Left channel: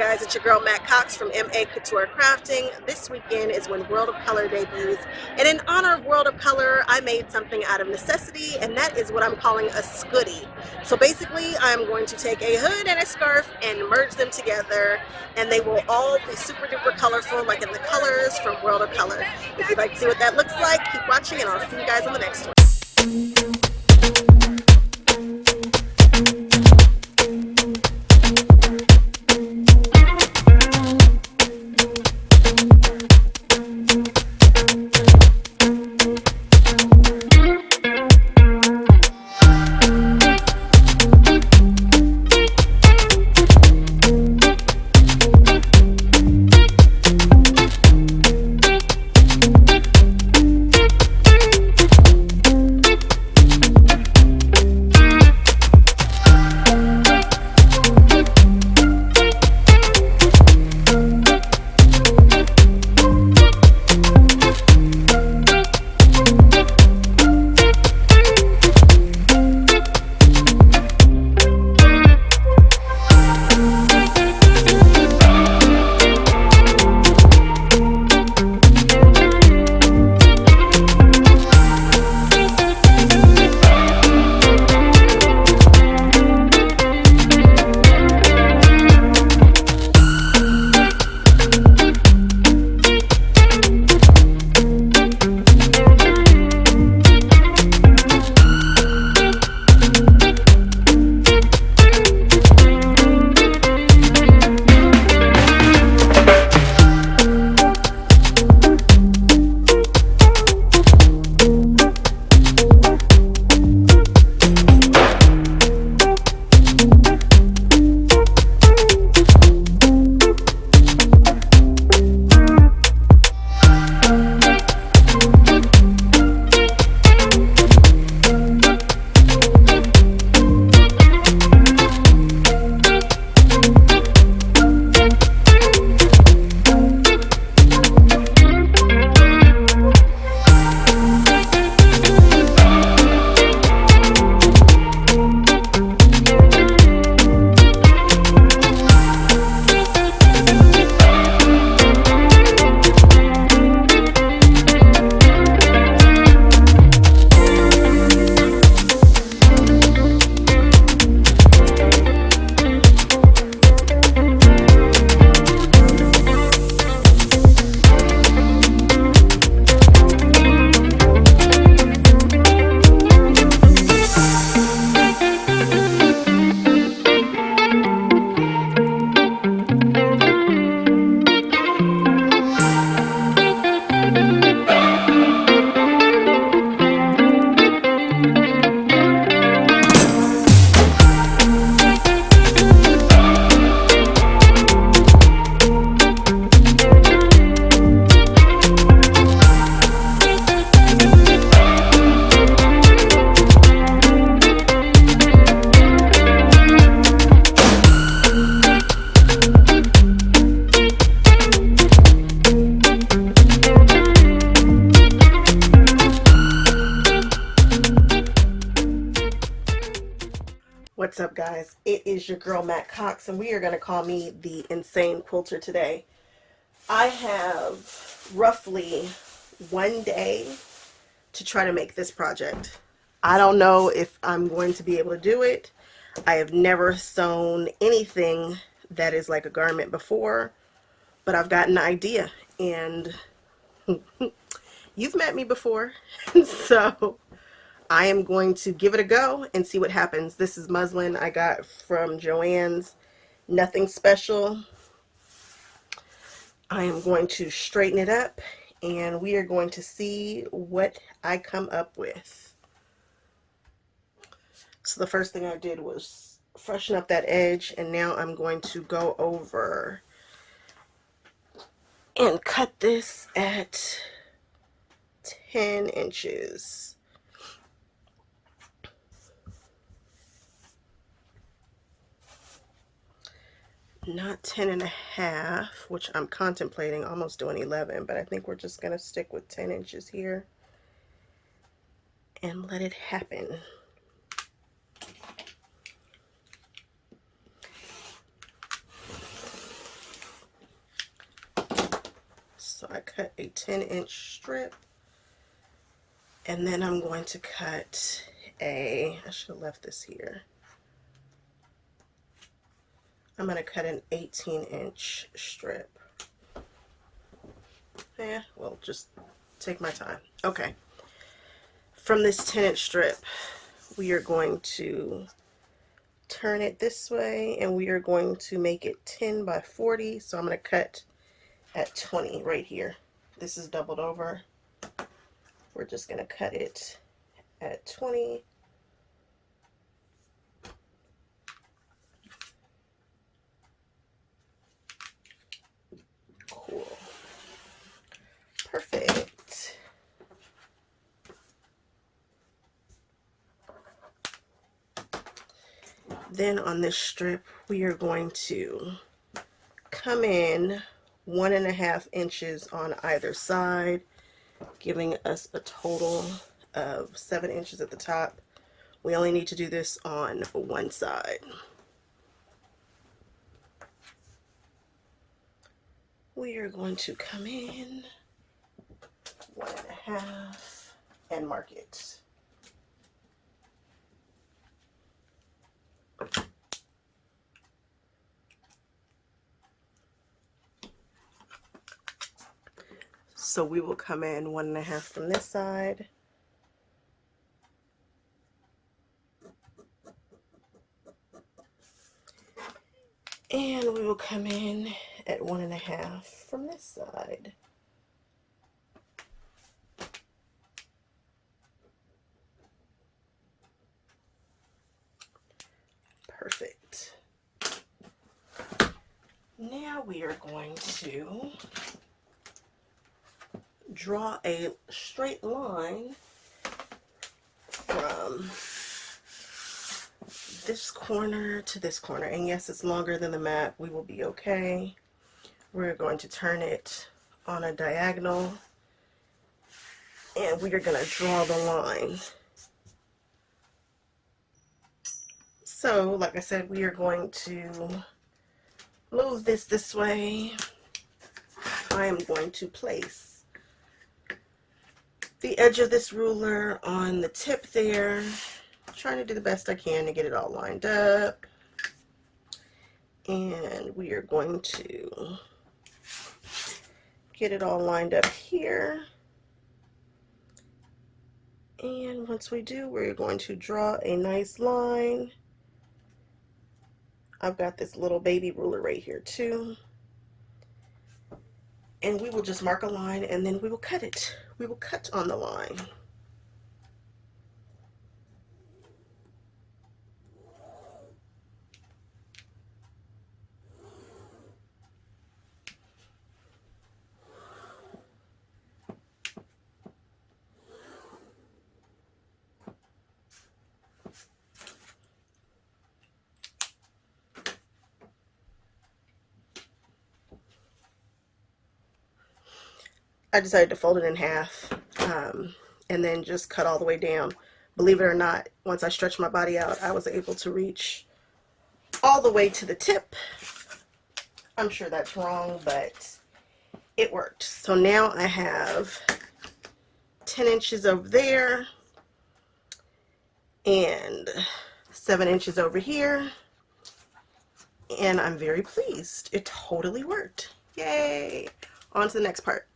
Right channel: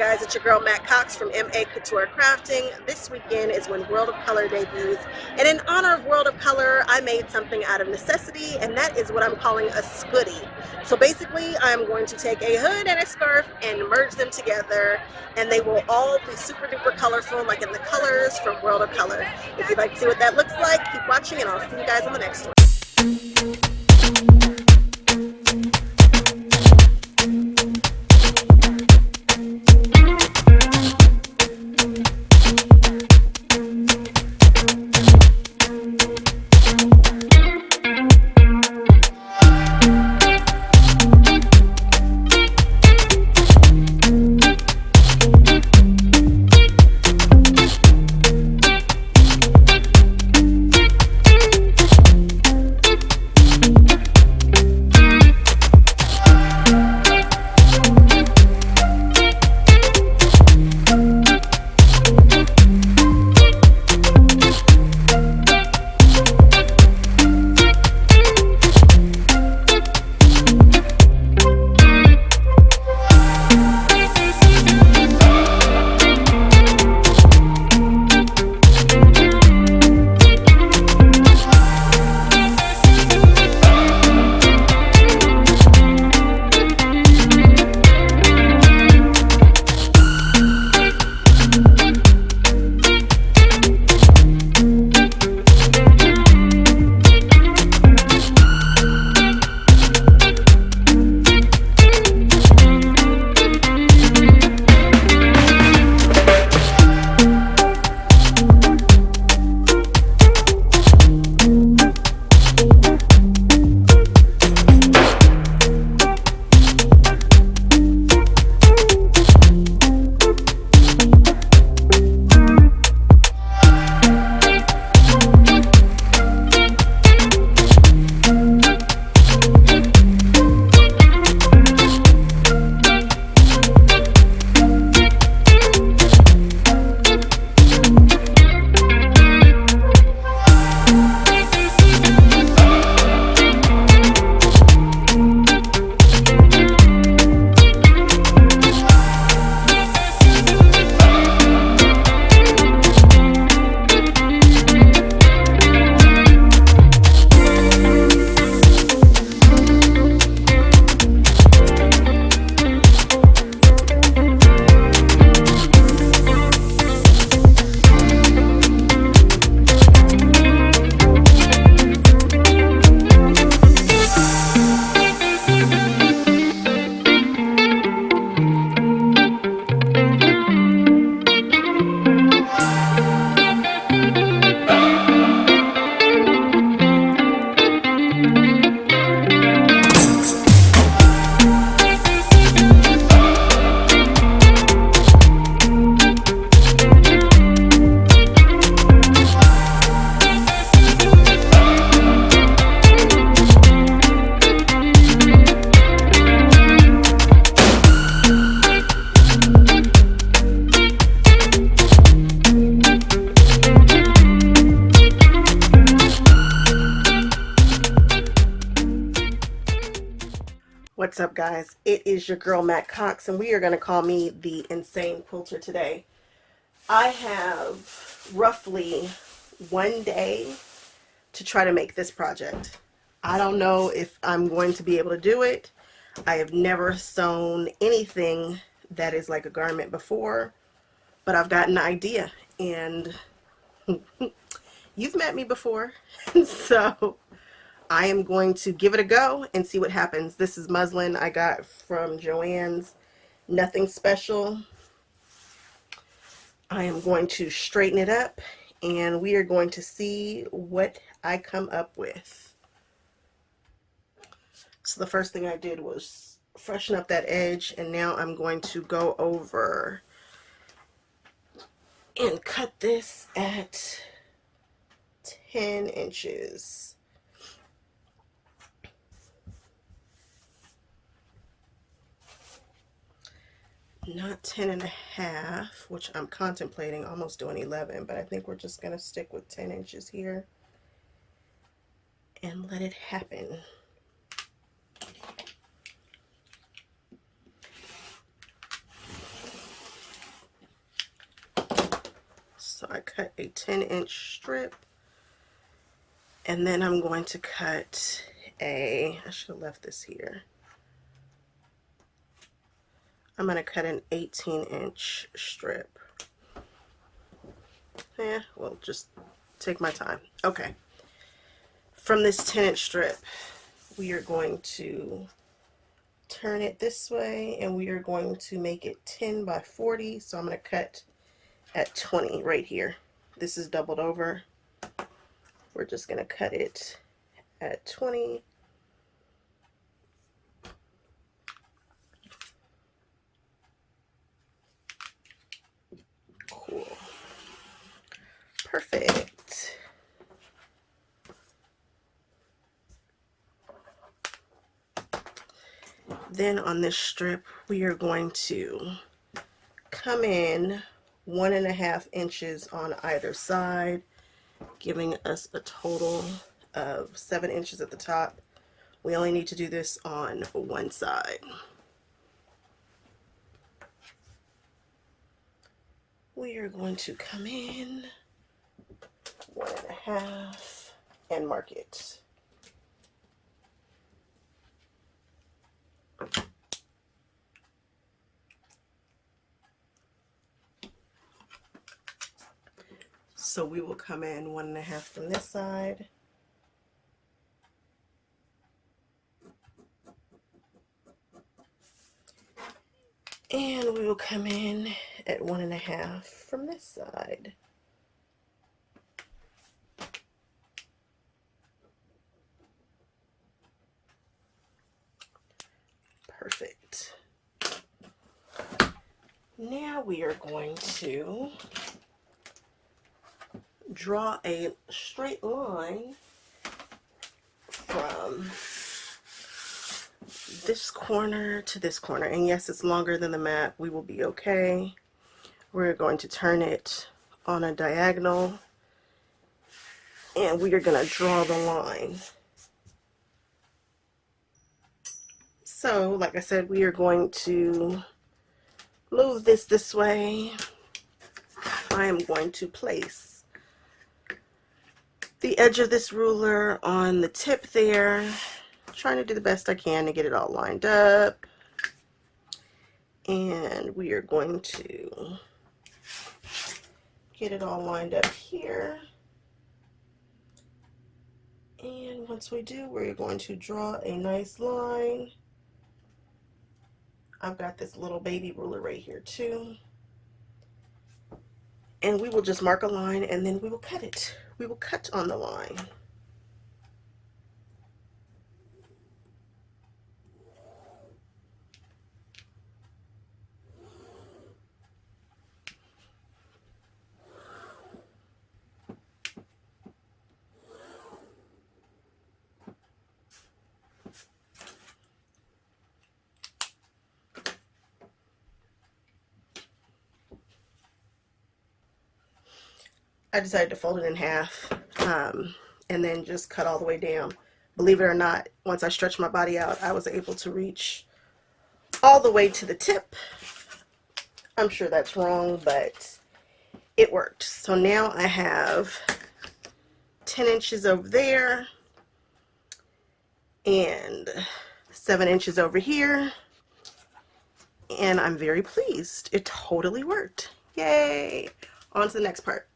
guys? It's your girl Matt Cox from Maccouture Crafting. This weekend is when World of Color debuts, and in honor of World of Color, I made something out of necessity, and that is what I'm calling a Scoodie. So basically, I'm going to take a hood and a scarf and merge them together, and they will all be super duper colorful, like in the colors from World of Color. If you'd like to see what that looks like, keep watching, and I'll see you guys on the next one. What's up, guys? It is your girl Matt Cox, and we are going to call me the Insane Quilter today. I have roughly 1 day to try to make this project. I don't know if I'm going to be able to do it. I have never sewn anything that is like a garment before, but I've got an idea, and you've met me before, so I am going to give it a go and see what happens. This is muslin I got from JoAnn's. Nothing special. I am going to straighten it up, and we are going to see what I come up with. So the first thing I did was freshen up that edge, and now I'm going to go over and cut this at 10 inches. Not 10.5, which I'm contemplating almost doing 11, but I think we're just going to stick with 10 inches here and let it happen. I cut a 10-inch strip, and then I'm going to cut I should have left this here. I'm going to cut an 18-inch strip. Yeah, well, just take my time. Okay. From this 10-inch strip, we are going to turn it this way, and we are going to make it 10 by 40. So I'm going to cut at 20 right here. This is doubled over. We're just going to cut it at 20. Cool. Perfect. Then on this strip, we are going to come in 1.5 inches on either side, giving us a total of 7 inches at the top. We only need to do this on one side. We are going to come in 1.5 and mark it. So we will come in 1.5 from this side. And we will come in at 1.5 from this side. Perfect. Now we are going to draw a straight line from this corner to this corner. And yes, it's longer than the map. We will be okay. We're going to turn it on a diagonal, and we are going to draw the line. So, like I said, we are going to move this way. I am going to place the edge of this ruler on the tip there, trying to do the best I can to get it all lined up. And we are going to get it all lined up here. And once we do, we're going to draw a nice line. I've got this little baby ruler right here too. And we will just mark a line, and then we will cut it. We will cut on the line. I decided to fold it in half and then just cut all the way down. Believe it or not, once I stretched my body out, I was able to reach all the way to the tip. I'm sure that's wrong, but it worked. So now I have 10 inches over there and 7 inches over here, and I'm very pleased. It totally worked. Yay! On to the next part.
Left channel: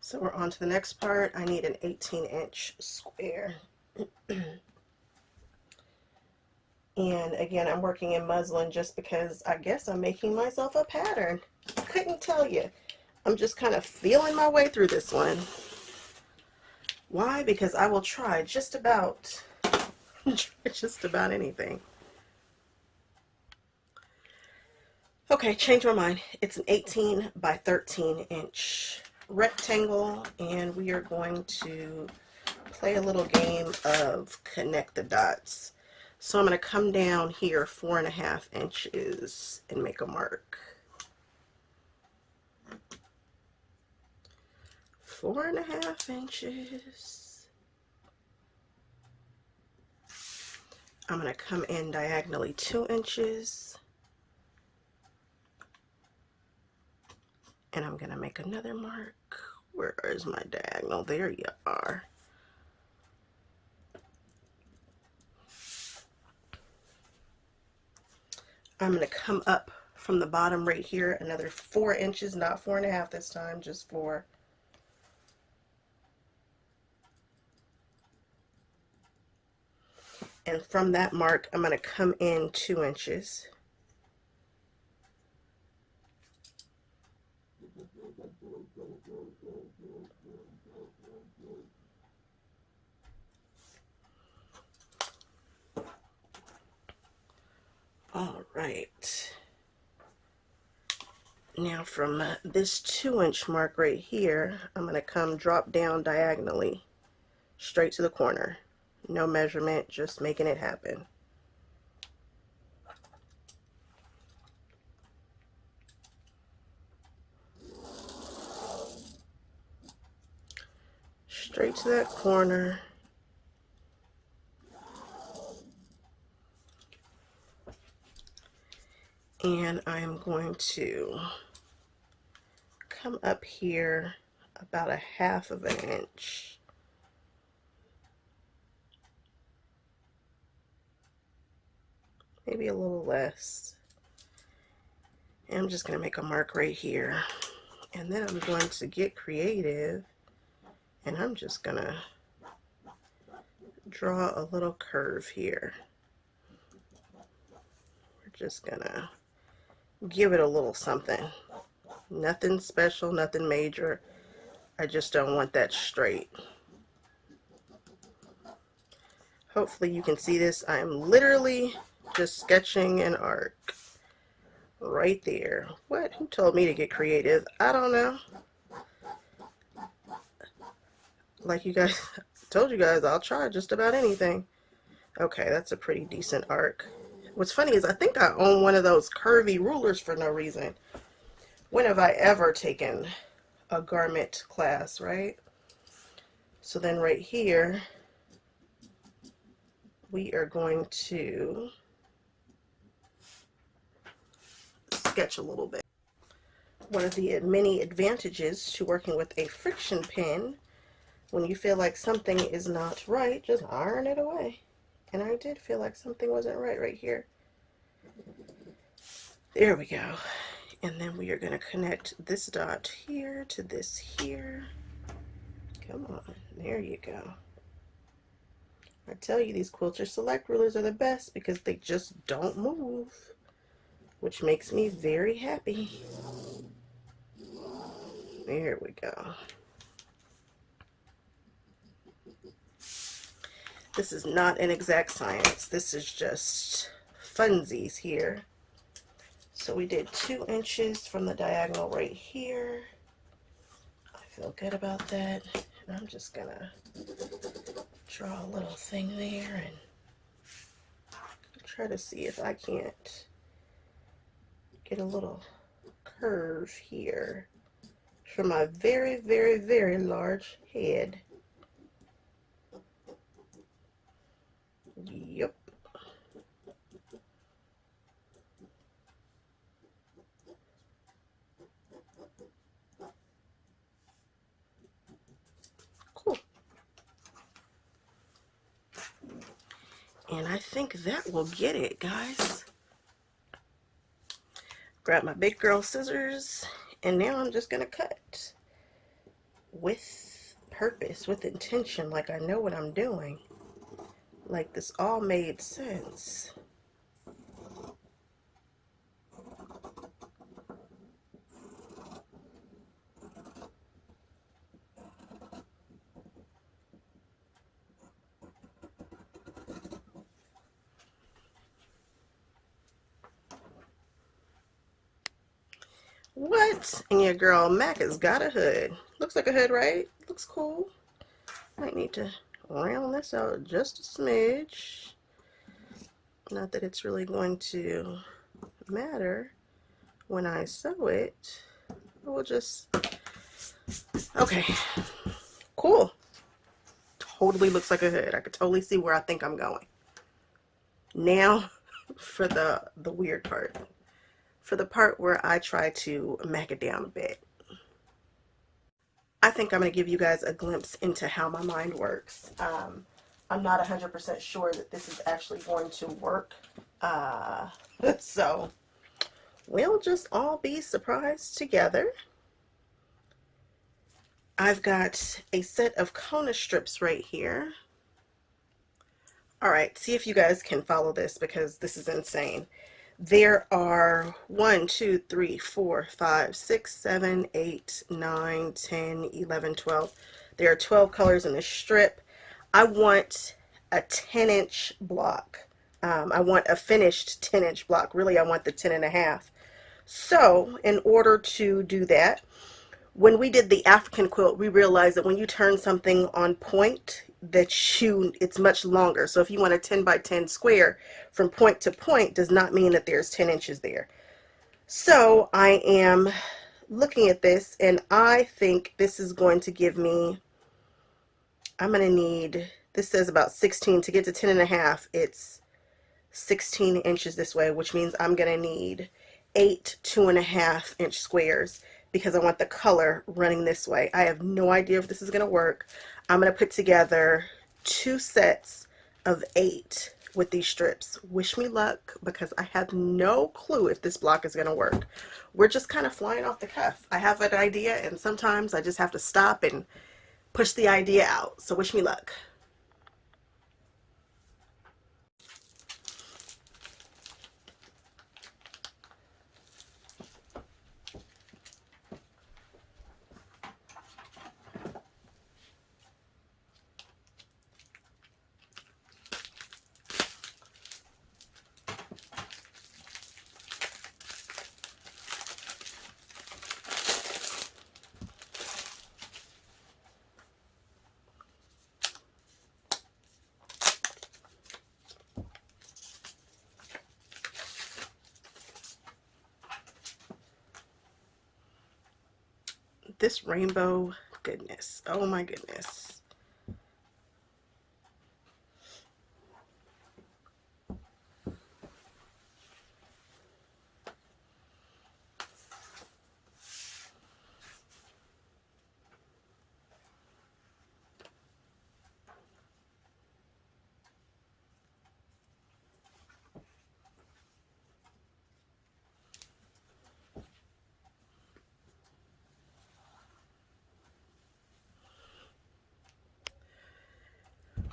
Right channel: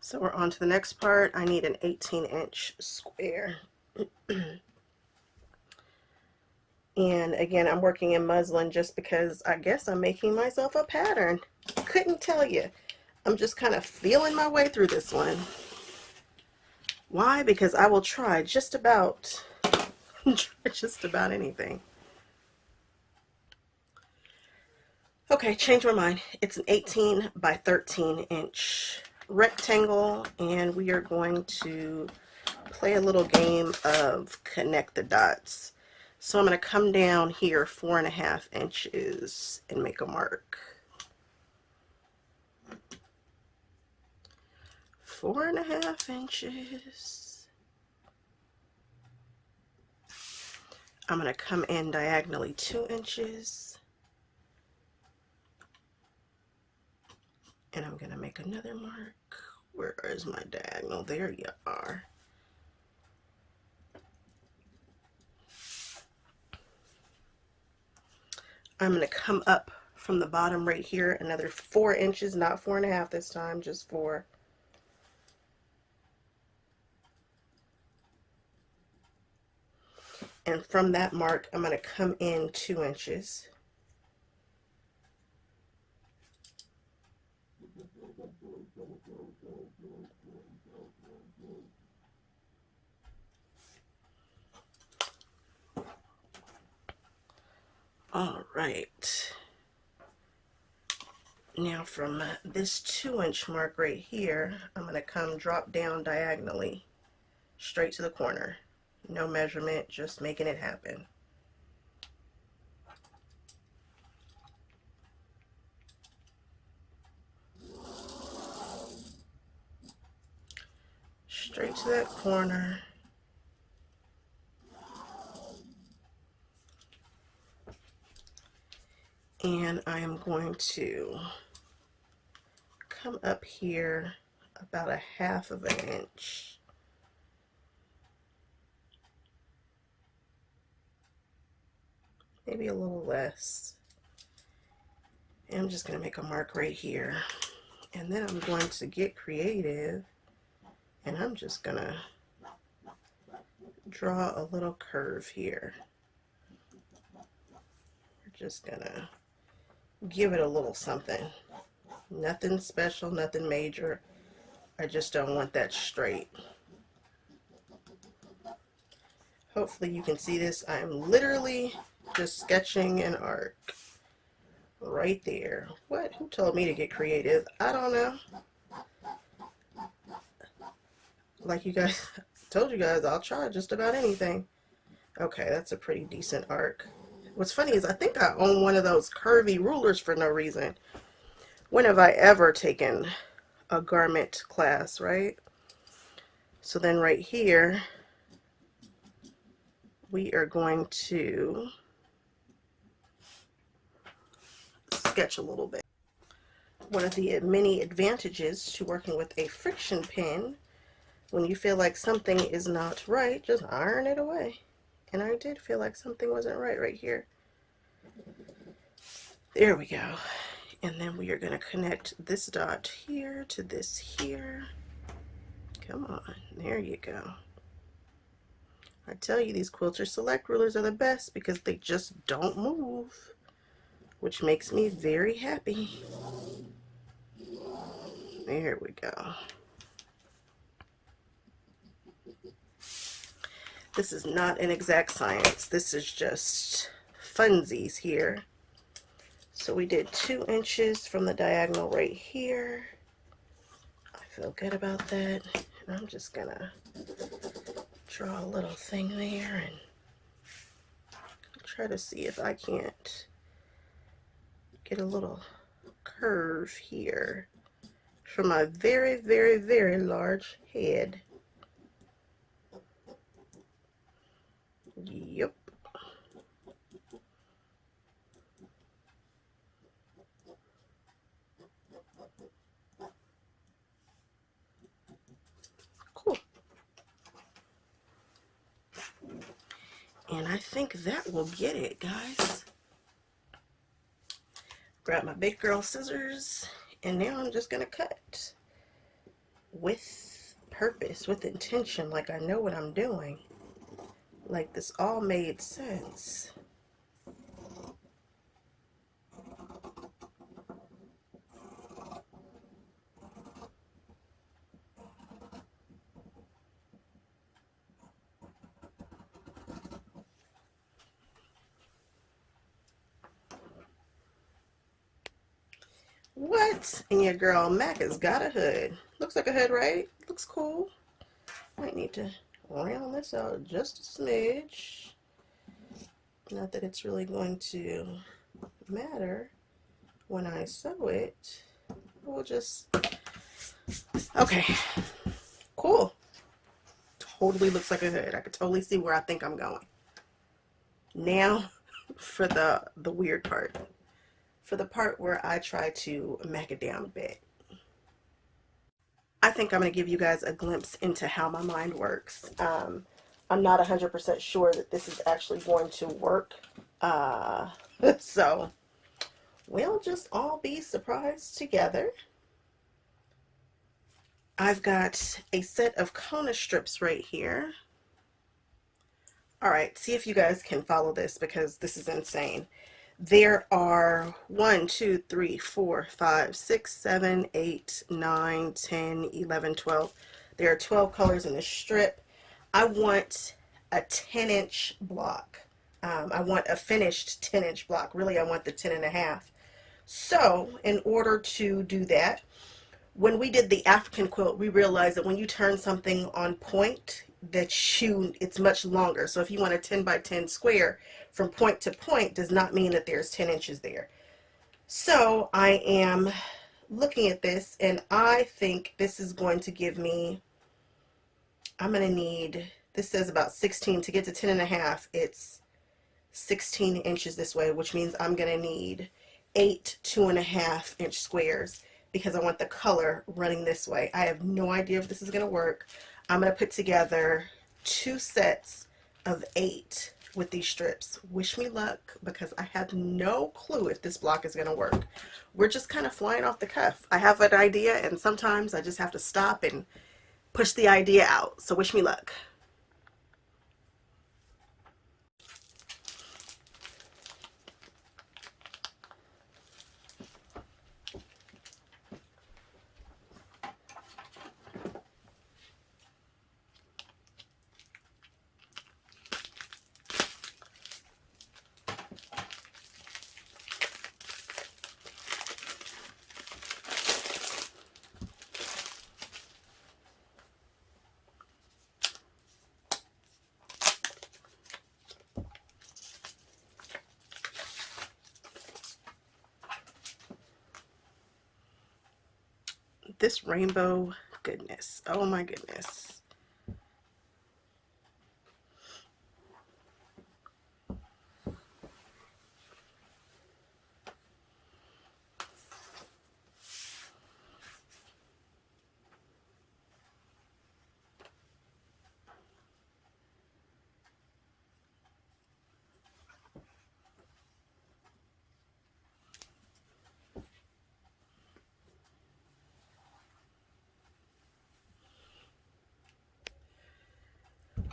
So we're on to the next part. I need an 18-inch square. And again, I'm working in muslin just because I guess I'm making myself a pattern. Couldn't tell you. I'm just kind of feeling my way through this one. Why? Because I will try just about anything. Okay, change my mind. It's an 18 by 13 inch rectangle, and we are going to play a little game of connect the dots. So I'm going to come down here 4.5 inches and make a mark. 4.5 inches. I'm going to come in diagonally 2 inches. And I'm going to make another mark. Where is my diagonal? There you are. I'm going to come up from the bottom right here another 4 inches, not 4.5 this time, just 4. And from that mark, I'm going to come in 2 inches. All right. Now from this 2-inch mark right here, I'm going to come drop down diagonally straight to the corner. No measurement, just making it happen. Straight to that corner. And I am going to come up here about 1/2 inch. Maybe a little less. And I'm just going to make a mark right here. And then I'm going to get creative, and I'm just going to draw a little curve here. We're just going to give it a little something. Nothing special, nothing major. I just don't want that straight. Hopefully you can see this. I am literally just sketching an arc right there. What? Who told me to get creative? I don't know. Like you guys, told you guys, I'll try just about anything. Okay, that's a pretty decent arc. What's funny is I think I own one of those curvy rulers for no reason. When have I ever taken a garment class, right? So then right here, we are going to sketch a little bit. One of the many advantages to working with a friction pen, when you feel like something is not right, just iron it away. And I did feel like something wasn't right here. There we go. And then we are going to connect this dot here to this here. Come on, there you go. I tell you, these Quilter Select rulers are the best because they just don't move, which makes me very happy. There we go. This is not an exact science. This is just funsies here. So we did 2 inches from the diagonal right here. I feel good about that. And I'm just gonna draw a little thing there and try to see if I can't get a little curve here for my very, very, very large head. Yep. Cool. And I think that will get it, guys. Grab my big girl scissors, and now I'm just gonna cut with purpose, with intention, like I know what I'm doing. Like this all made sense. What? And your girl Mac has got a hood. Looks like a hood, right? Looks cool. Might need to round this out just a smidge. Not that it's really going to matter when I sew it. We'll just... Okay. Cool. Totally looks like a hood. I could totally see where I think I'm going. Now for the weird part. For the part where I try to mac it down a bit. I think I'm going to give you guys a glimpse into how my mind works. I'm not 100% sure that this is actually going to work. So we'll just all be surprised together. I've got a set of Kona strips right here. All right, see if you guys can follow this because this is insane. There are 1, 2, 3, 4, 5, 6, 7, 8, 9, 10, 11, 12. There are 12 colors in this strip. I want a 10-inch block. I want a finished 10-inch block. Really, I want the 10 and a half. So in order to do that, when we did the African quilt, we realized that when you turn something on point, it's much longer. So if you want a 10 by 10 square, from point to point does not mean that there's 10 inches there. So I am looking at this, and I think this is going to give me, I'm going to need, this says about 16 to get to 10 and a half. It's 16 inches this way, which means I'm going to need 8 2.5-inch squares because I want the color running this way. I have no idea if this is going to work. I'm going to put together 2 sets of 8 with these strips. Wish me luck because I have no clue if this block is going to work. We're just kind of flying off the cuff. I have an idea, and sometimes I just have to stop and push the idea out. So wish me luck. This rainbow goodness. Oh my goodness.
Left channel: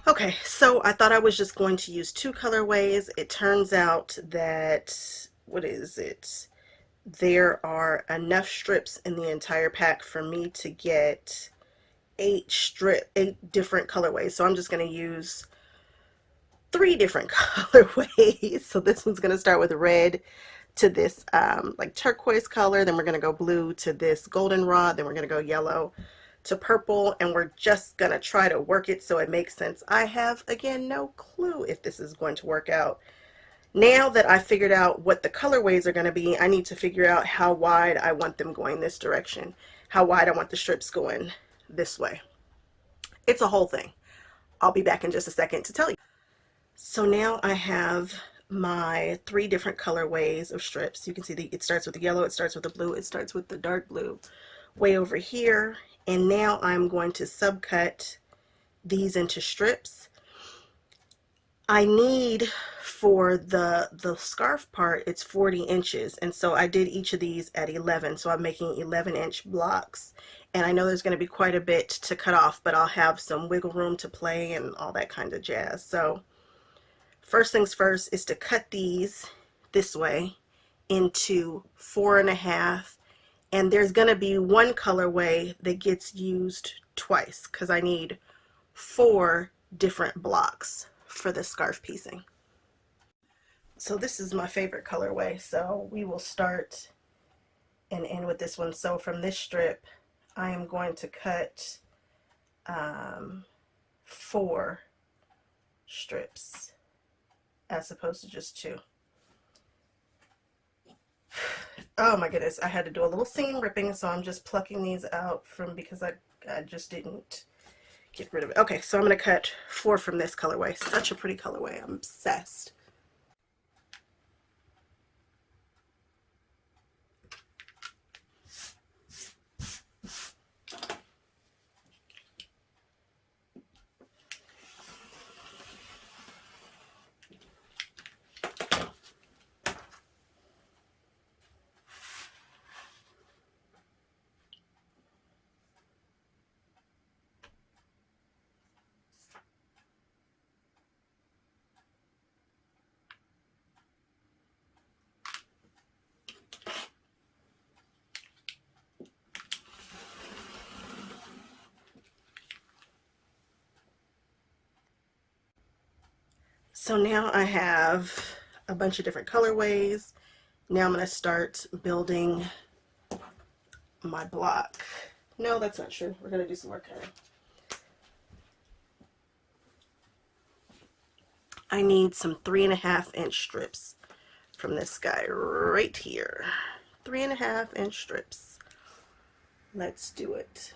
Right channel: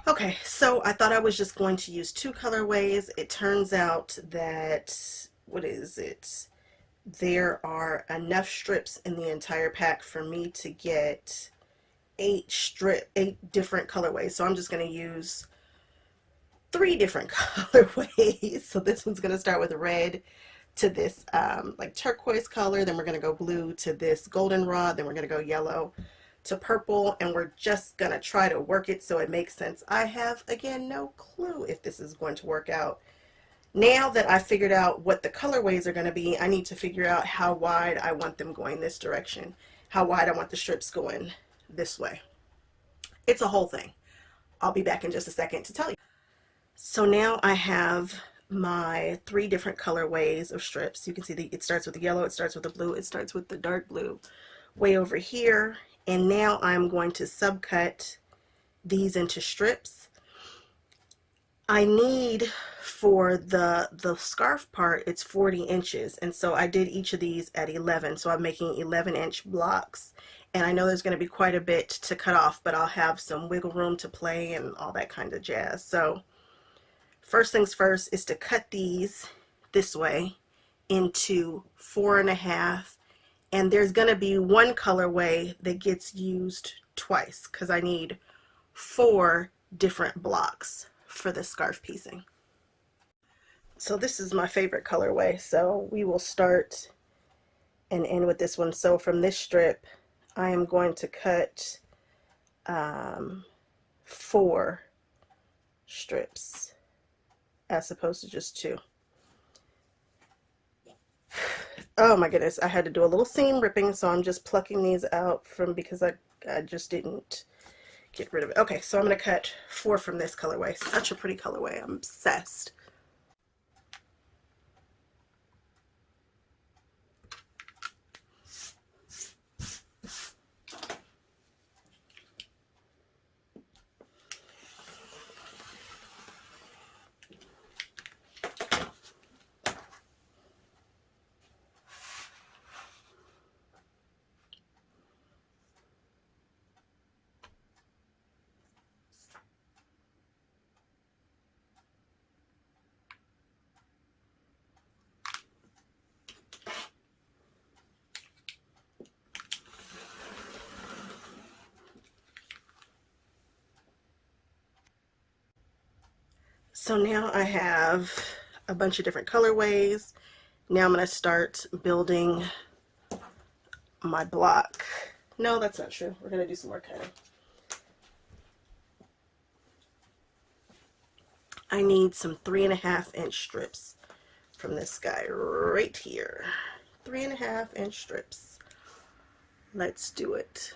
Okay, so I thought I was just going to use 2 colorways. It turns out that, what is it? There are enough strips in the entire pack for me to get 8 different colorways. So I'm just going to use 3 different colorways. So this one's going to start with red to this like turquoise color. Then we're going to go blue to this goldenrod. Then we're going to go yellow to purple, and we're just gonna try to work it so it makes sense. I have, again, no clue if this is going to work out. Now that I figured out what the colorways are going to be, I need to figure out how wide I want them going this direction, how wide I want the strips going this way. It's a whole thing. I'll be back in just a second to tell you. So now I have my 3 different colorways of strips. You can see it starts with the yellow, it starts with the blue, it starts with the dark blue way over here. And now I'm going to subcut these into strips. I need, for the scarf part, it's 40 inches. And so I did each of these at 11. So I'm making 11-inch blocks. And I know there's going to be quite a bit to cut off, but I'll have some wiggle room to play and all that kind of jazz. So first things first is to cut these this way into 4.5. And there's going to be one colorway that gets used twice because I need 4 different blocks for the scarf piecing. So this is my favorite colorway. So we will start and end with this one. So from this strip, I am going to cut 4 strips as opposed to just 2. Oh my goodness, I had to do a little seam ripping, so I'm just plucking these out because I just didn't get rid of it. Okay, so I'm going to cut 4 from this colorway. Such a pretty colorway. I'm obsessed. So now I have a bunch of different colorways. Now I'm going to start building my block. No, that's not true. We're going to do some more cutting. I need some 3.5-inch strips from this guy right here. 3.5-inch strips. Let's do it.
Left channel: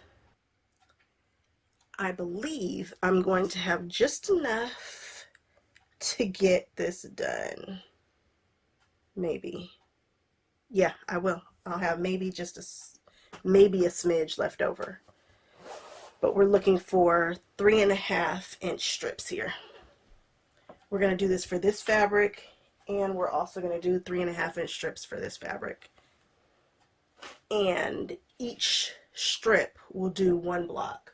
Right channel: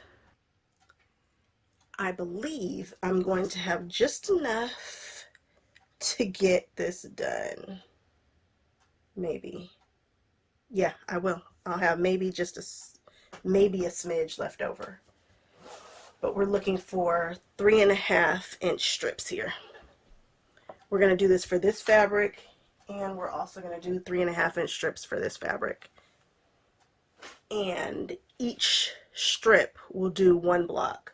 I believe I'm going to have just enough to get this done. Maybe. Yeah, I will. I'll have maybe just maybe a smidge left over. But we're looking for 3.5-inch strips here. We're going to do this for this fabric, and we're also going to do 3.5-inch strips for this fabric. And each strip will do 1 block.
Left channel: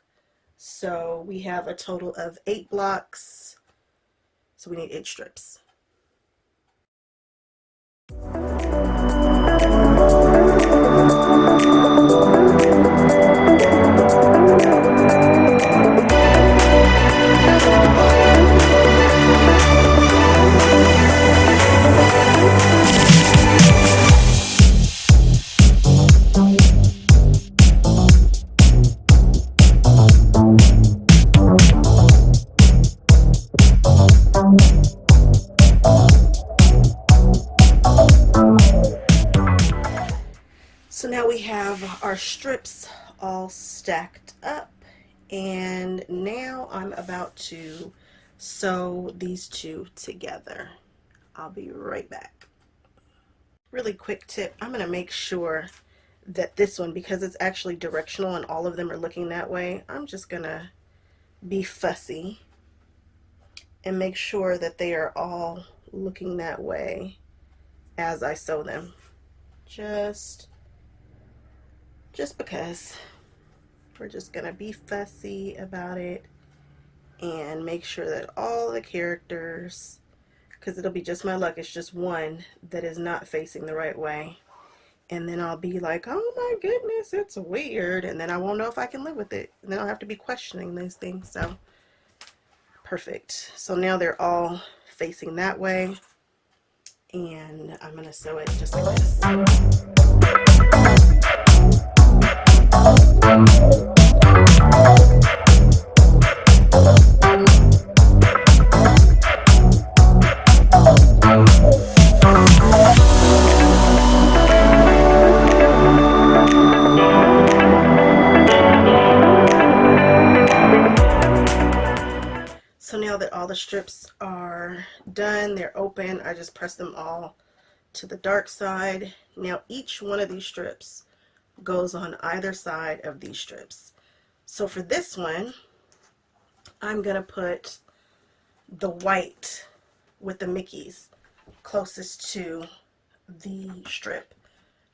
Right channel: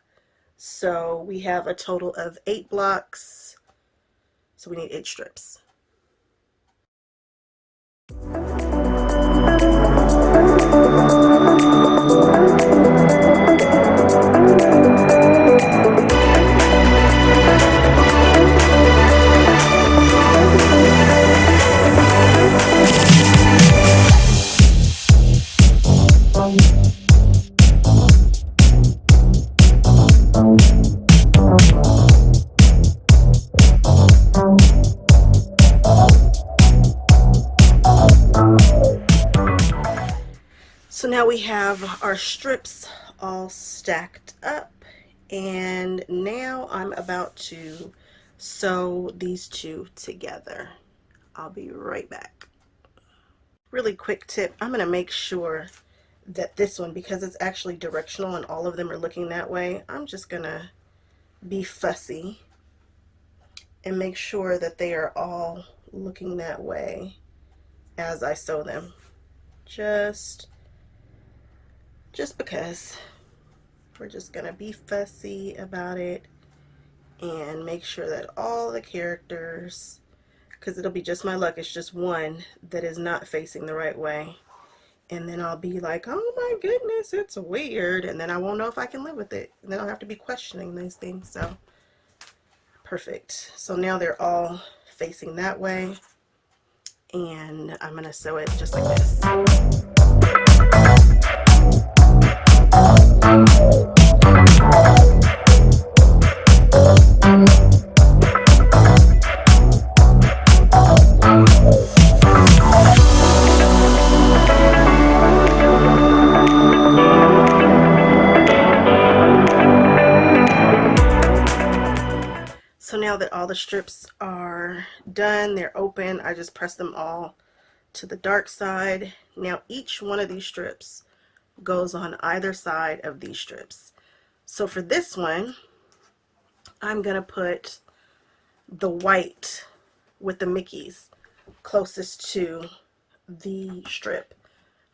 So we have a total of 8 blocks. So we need 8 strips. So now we have our strips all stacked up, and now I'm about to sew these two together. I'll be right back. Really quick tip, I'm going to make sure that this one, because it's actually directional and all of them are looking that way, I'm just going to be fussy and make sure that they are all looking that way as I sew them. Just because we're just gonna be fussy about it and make sure that all the characters, because it'll be just my luck, it's just one that is not facing the right way, and then I'll be like, oh my goodness, it's weird, and then I won't know if I can live with it, and then I'll have to be questioning those things. So perfect. So now they're all facing that way, and I'm gonna sew it just like this. So now that all the strips are done, they're open, I just press them all to the dark side. Now each one of these strips goes on either side of these strips. So for this one, I'm gonna put the white with the Mickeys closest to the strip.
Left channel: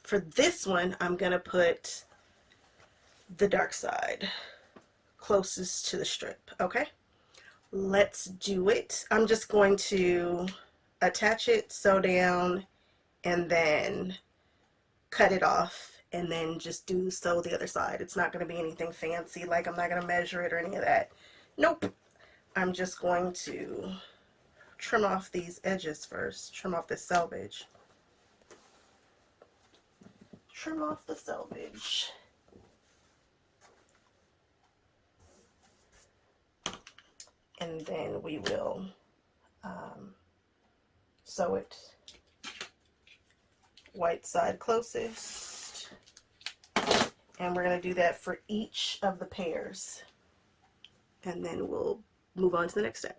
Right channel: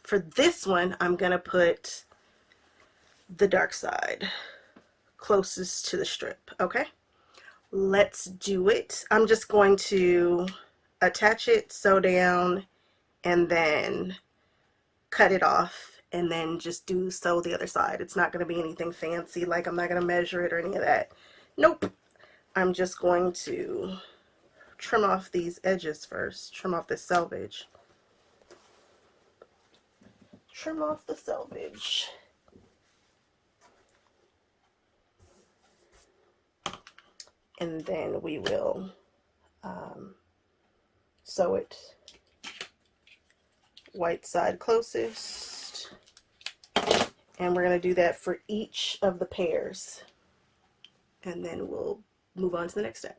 For this one, I'm gonna put the dark side closest to the strip. Okay, let's do it. I'm just going to attach it, sew down, and then cut it off, and then just sew the other side. It's not going to be anything fancy, like I'm not going to measure it or any of that. Nope. I'm just going to trim off these edges first. Trim off the selvage. Trim off the selvage. And then we will sew it white side closest, and we're going to do that for each of the pairs, and then we'll move on to the next step.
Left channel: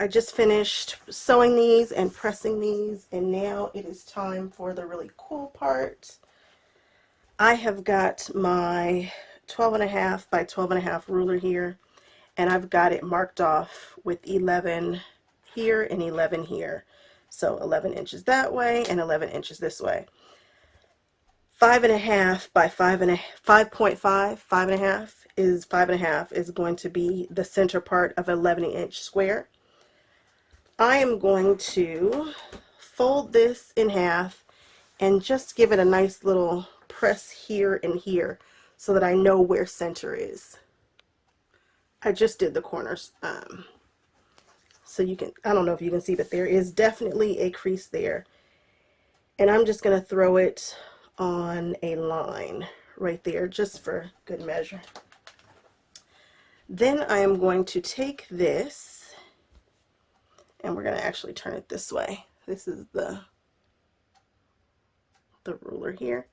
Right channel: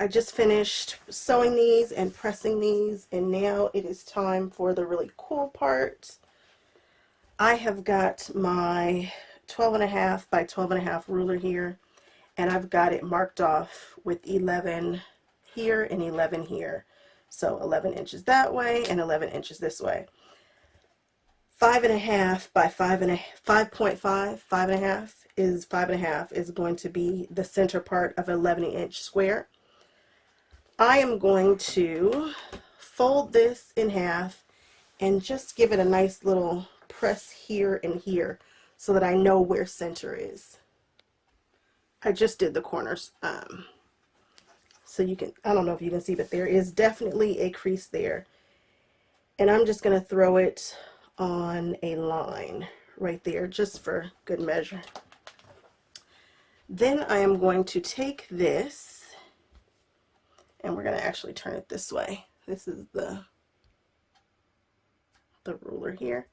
I just finished sewing these and pressing these, and now it is time for the really cool part. I have got my 12.5 by 12.5 ruler here, and I've got it marked off with 11 here and 11 here. So 11 inches that way and 11 inches this way. 5.5 by 5.5, 5.5 is 5.5 is going to be the center part of an 11-inch square. I am going to fold this in half and just give it a nice little press here and here so that I know where center is. I just did the corners, so you can, I don't know if you can see, but there is definitely a crease there. And I'm just going to throw it on a line right there just for good measure. Then I am going to take this, and we're going to actually turn it this way. This is the ruler here.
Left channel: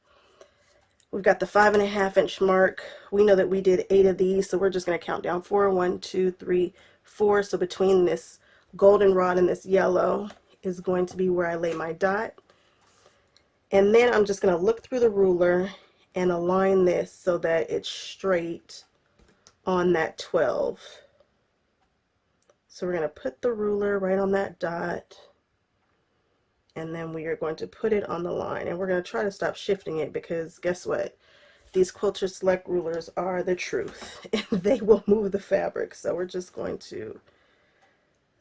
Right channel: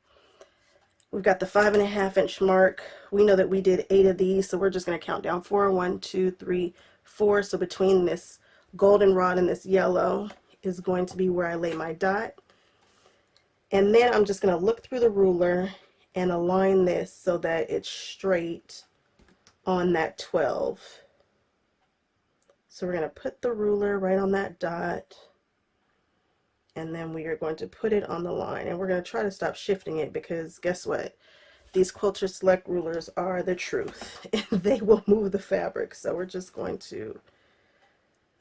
We've got the 5.5-inch mark. We know that we did 8 of these, so we're just going to count down 4. 1, 2, 3, 4. So between this golden rod and this yellow is going to be where I lay my dot. And then I'm just going to look through the ruler and align this so that it's straight on that 12. So we're going to put the ruler right on that dot, and then we are going to put it on the line, and we're going to try to stop shifting it, because guess what? These Quilter Select rulers are the truth. They will move the fabric. So we're just going to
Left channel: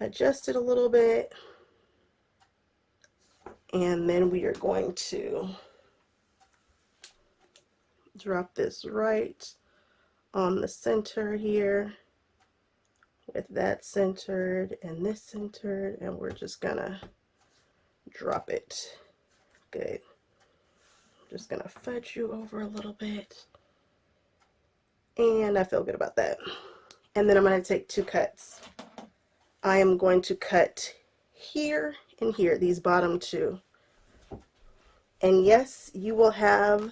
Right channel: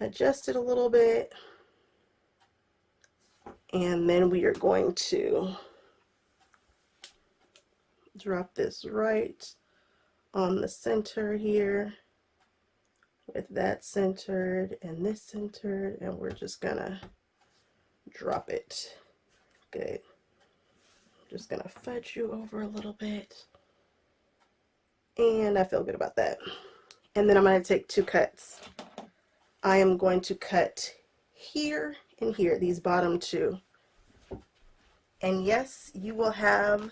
adjust it a little bit, and then we are going to drop this right on the center here, with that centered and this centered, and we're just gonna drop it. Good. I'm just gonna fudge you over a little bit, and I feel good about that. And then I'm going to take 2 cuts. I am going to cut here and here, these bottom 2. And yes, you will have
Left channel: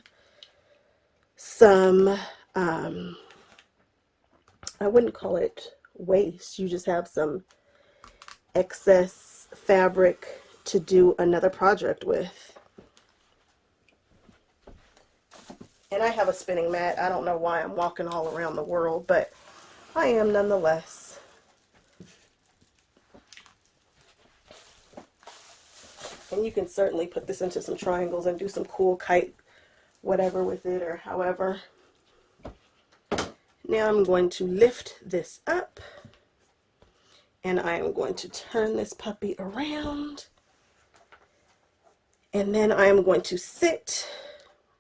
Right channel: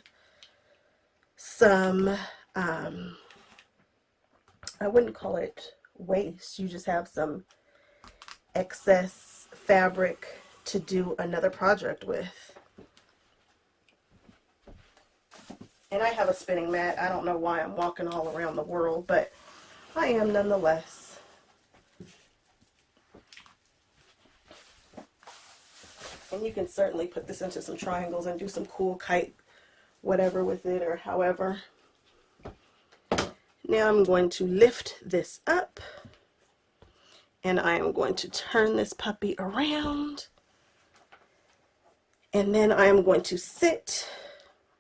some, I wouldn't call it waste, you just have some excess fabric to do another project with. And I have a spinning mat. I don't know why I'm walking all around the world, but I am nonetheless. And you can certainly put this into some triangles and do some cool kite whatever with it, or however. Now I'm going to lift this up, and I am going to turn this puppy around, and then I am going to sit.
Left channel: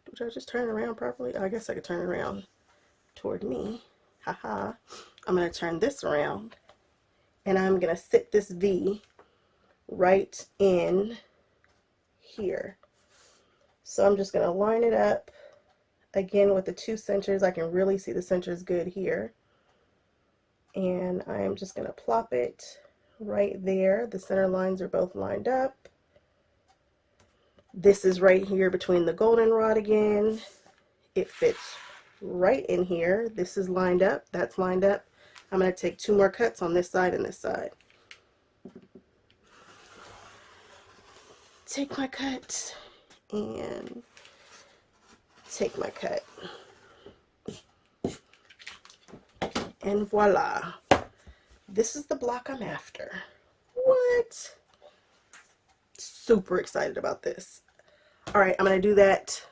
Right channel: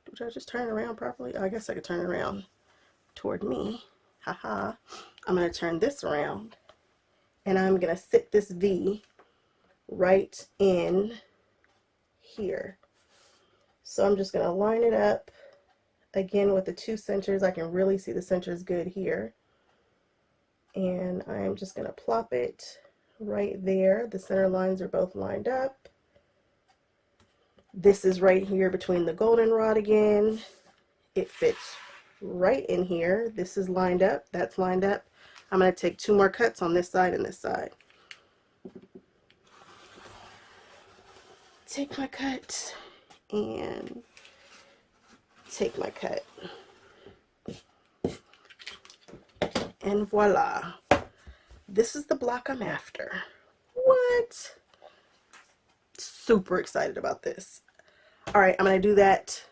Did I just turn it around properly? I guess I could turn it around toward me. Haha. I'm going to turn this around, and I'm going to sit this V right in here. So I'm just going to line it up again with the 2 centers. I can really see the centers good here, and I am just going to plop it right there. The center lines are both lined up. This is right here between the golden rod again. It fits right in here. This is lined up, that's lined up. I'm going to take 2 more cuts on this side and this side. Take my cut and take my cut. And voila. This is the block I'm after. What? Super excited about this. All right, I'm going to do that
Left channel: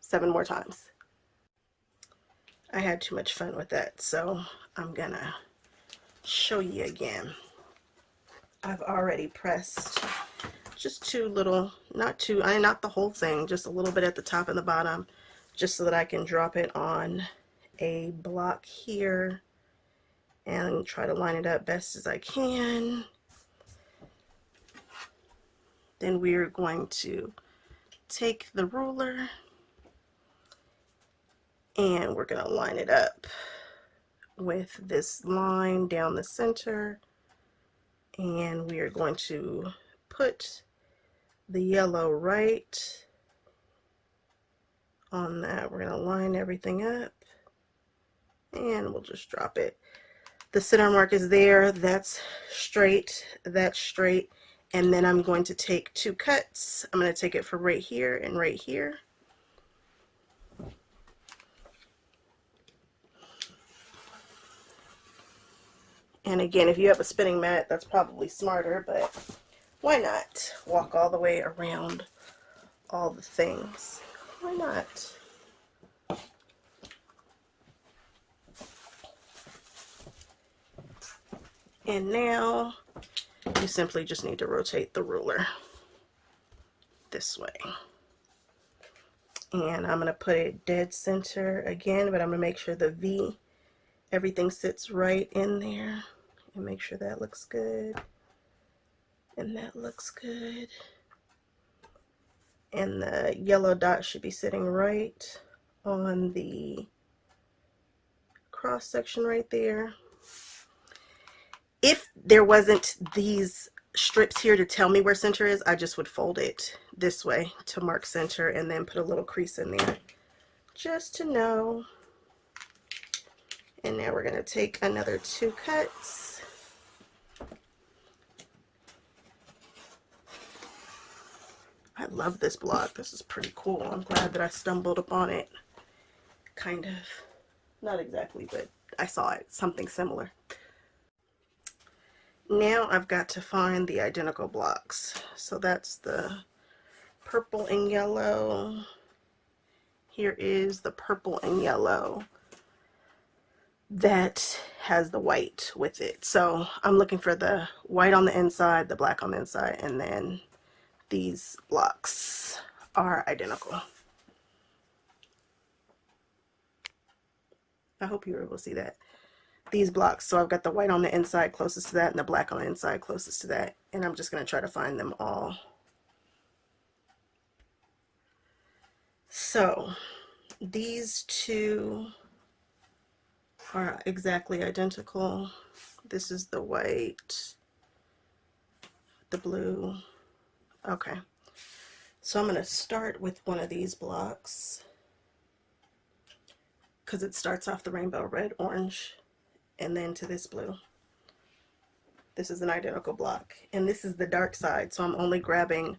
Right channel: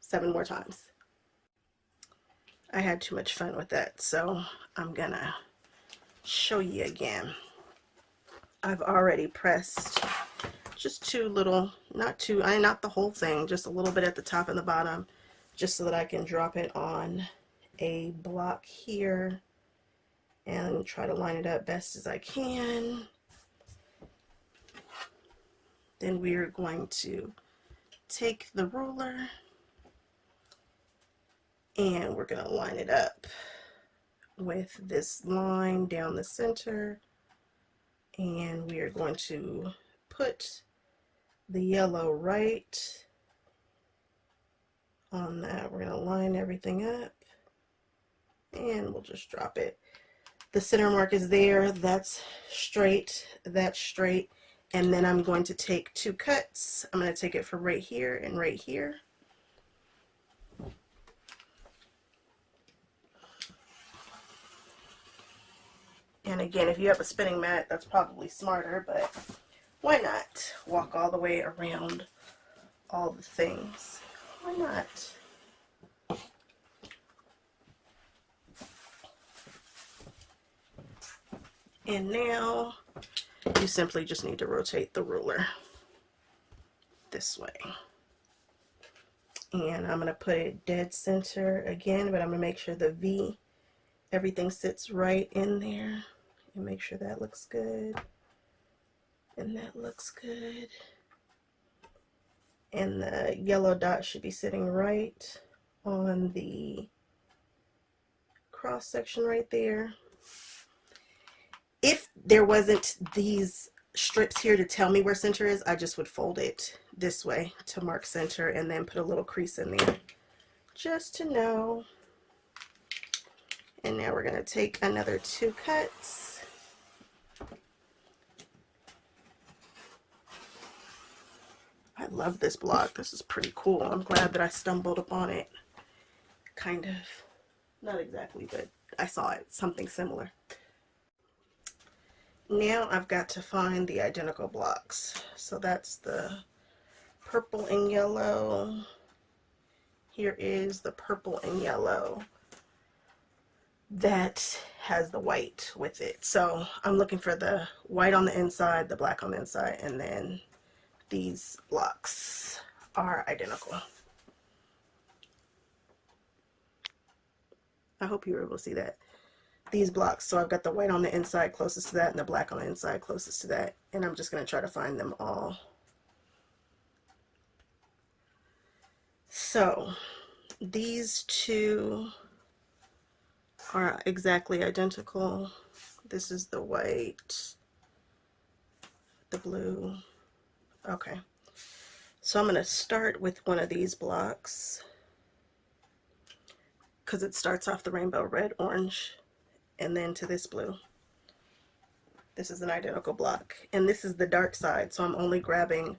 7 more times. I had too much fun with that, so I'm going to show you again. I've already pressed just 2 little, not the whole thing, just a little bit at the top and the bottom, just so that I can drop it on a block here and try to line it up best as I can. Then we're going to take the ruler and we're going to line it up with this line down the center, and we are going to put the yellow right on that. We're going to line everything up, and we'll just drop it The center mark is there. That's straight. That's straight. And then I'm going to take 2 cuts. I'm going to take it for right here and right here. And again, if you have a spinning mat, that's probably smarter, but why not walk all the way around all the things? Why not? And now you simply just need to rotate the ruler this way. And I'm going to put it dead center again, but I'm going to make sure the V, everything sits right in there. And make sure that looks good. And that looks good. And the yellow dot should be sitting right on the cross section right there. If there wasn't these strips here to tell me where center is, I just would fold it this way to mark center and then put a little crease in there just to know. And now we're going to take another 2 cuts. I love this block. This is pretty cool. I'm glad that I stumbled upon it. Kind of. Not exactly, but I saw it. Something similar. Now I've got to find the identical blocks. So that's the purple and yellow. Here is the purple and yellow that has the white with it. So I'm looking for the white on the inside, the black on the inside, and then these blocks are identical. I hope you were able to see that. These blocks, so I've got the white on the inside closest to that and the black on the inside closest to that, and I'm just going to try to find them all. So these 2 are exactly identical. This is the white, the blue. Okay, so I'm going to start with one of these blocks because it starts off the rainbow, red, orange, and then to this blue. This is an identical block, and this is the dark side, so I'm only grabbing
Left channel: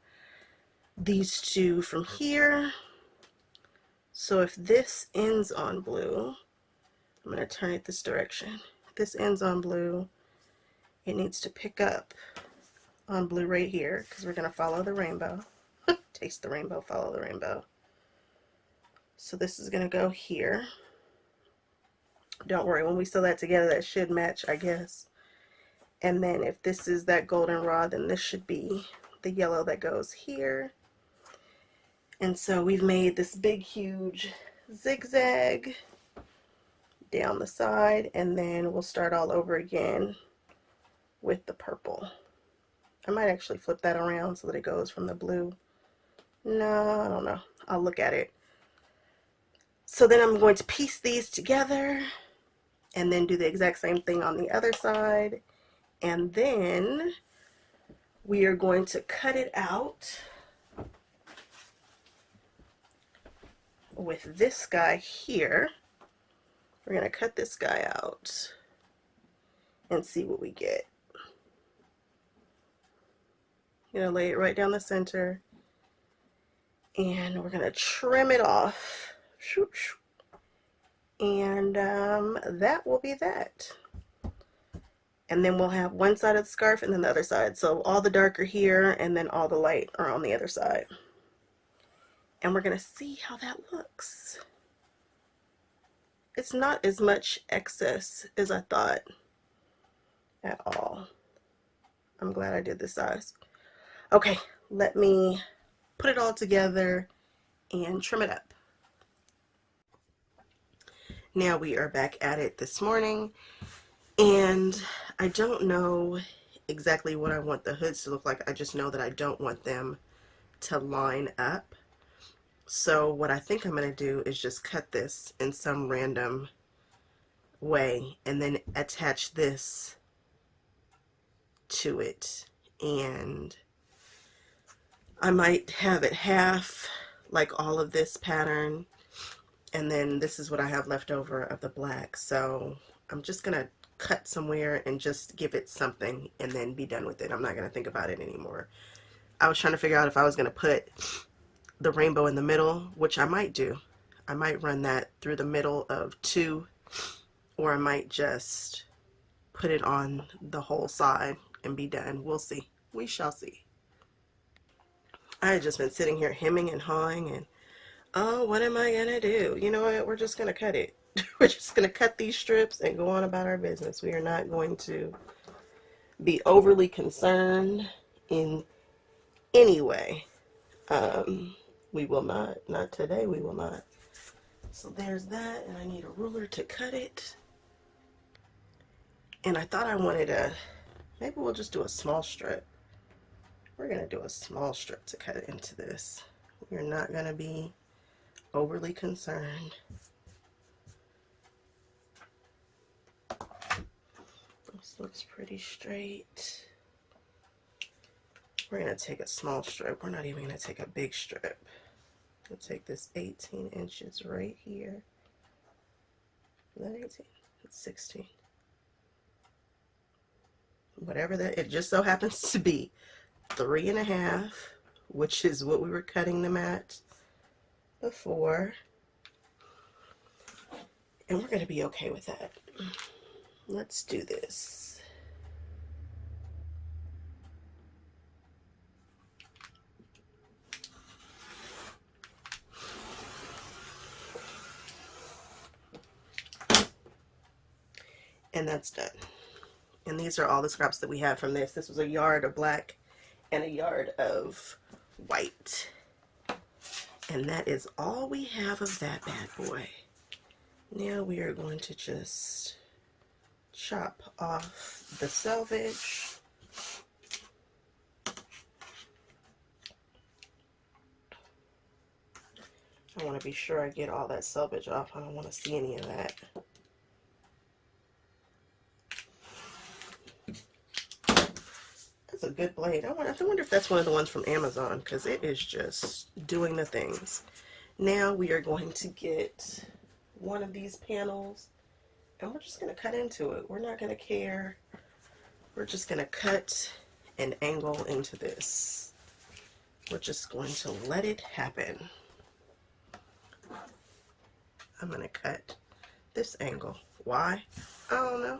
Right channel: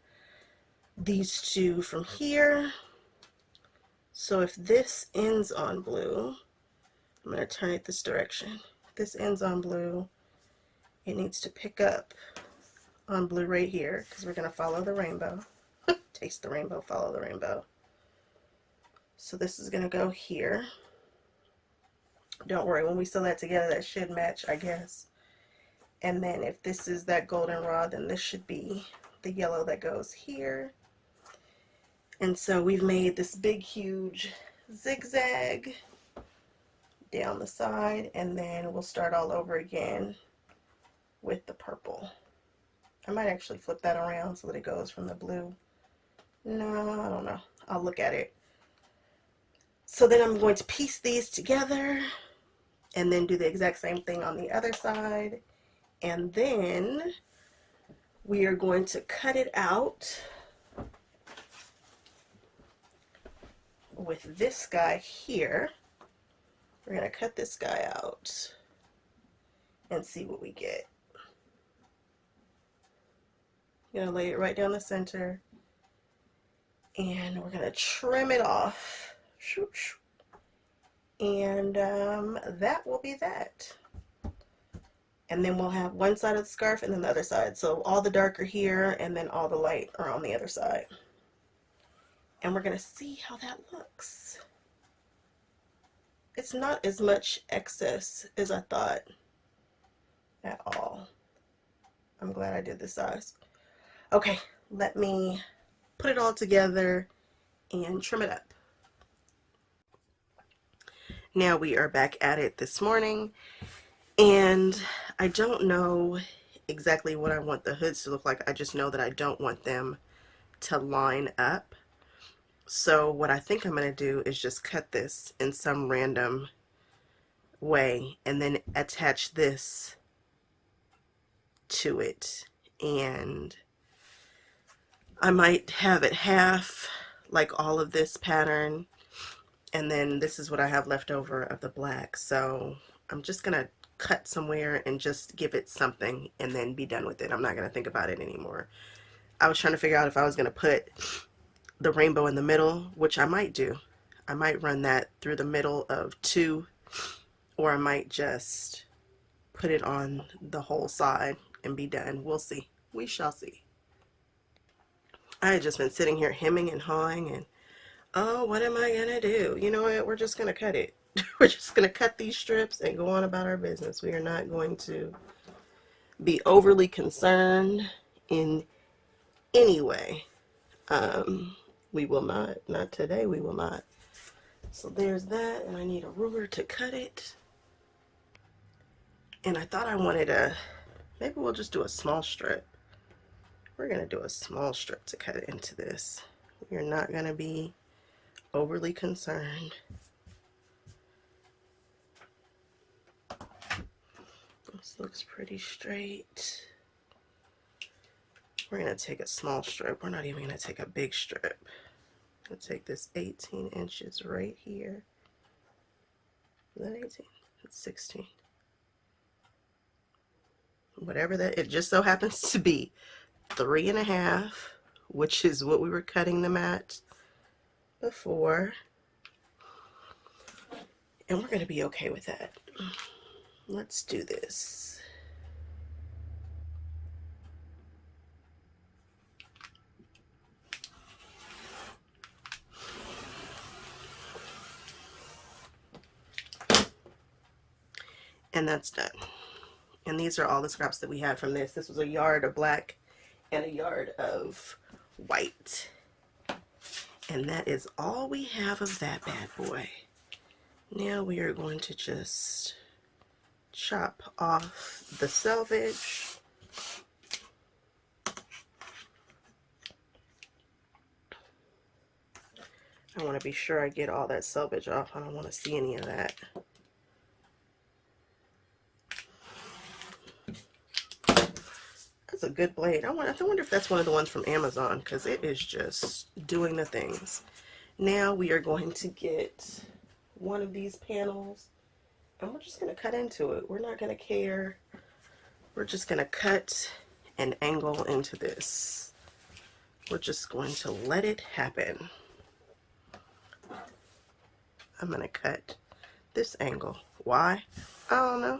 these 2 from here. So if this ends on blue, I'm going to turn it this direction. If this ends on blue, it needs to pick up on blue right here because we're going to follow the rainbow. Taste the rainbow, follow the rainbow. So this is going to go here. Don't worry, when we sew that together, that should match, I guess. And then if this is that goldenrod, then this should be the yellow that goes here. And so we've made this big, huge zigzag down the side, and then we'll start all over again with the purple. I might actually flip that around so that it goes from the blue. No, I don't know. I'll look at it. So then I'm going to piece these together and then do the exact same thing on the other side. And then we are going to cut it out with this guy here. We're going to cut this guy out and see what we get. I'm going to lay it right down the center, and we're going to trim it off. And that will be that. And then we'll have one side of the scarf and then the other side. So all the dark are here, and then all the light are on the other side. And we're going to see how that looks. It's not as much excess as I thought at all. I'm glad I did this size. Okay, let me put it all together and trim it up. Now we are back at it this morning, and I don't know exactly what I want the hoods to look like. I just know that I don't want them to line up. So what I think I'm going to do is just cut this in some random way and then attach this to it. And I might have it half, like all of this pattern, and then this is what I have left over of the black. So I'm just going to cut somewhere and just give it something and then be done with it. I'm not going to think about it anymore. I was trying to figure out if I was going to put the rainbow in the middle, which I might do. I might run that through the middle of 2, or I might just put it on the whole side and be done. We'll see. We shall see. I had just been sitting here hemming and hawing and, oh, what am I gonna do? You know what? We're just gonna cut it. We're just gonna cut these strips and go on about our business. We are not going to be overly concerned in any way. We will not today, we will not. So there's that, and I need a ruler to cut it. And I thought I wanted maybe we'll just do a small strip. We're gonna do a small strip to cut into this. We're not gonna be overly concerned. This looks pretty straight. We're going to take a small strip. We're not even going to take a big strip. We'll take this 18 inches right here. Is that 18? It's 16. Whatever that, it just so happens to be 3.5, which is what we were cutting them at before. And we're going to be okay with that. Let's do this. And that's done. And these are all the scraps that we have from this. This was a yard of black and a yard of white. And that is all we have of that bad boy. Now we are going to just chop off the selvage. I want to be sure I get all that selvage off. I don't want to see any of that. That's a good blade. I wonder if that's one of the ones from Amazon, because it is just doing the things. Now we are going to get one of these panels and we're just going to cut into it. We're not going to care. We're just going to cut and angle into this. We're just going to let it happen. I'm going to cut this angle. Why? I don't know.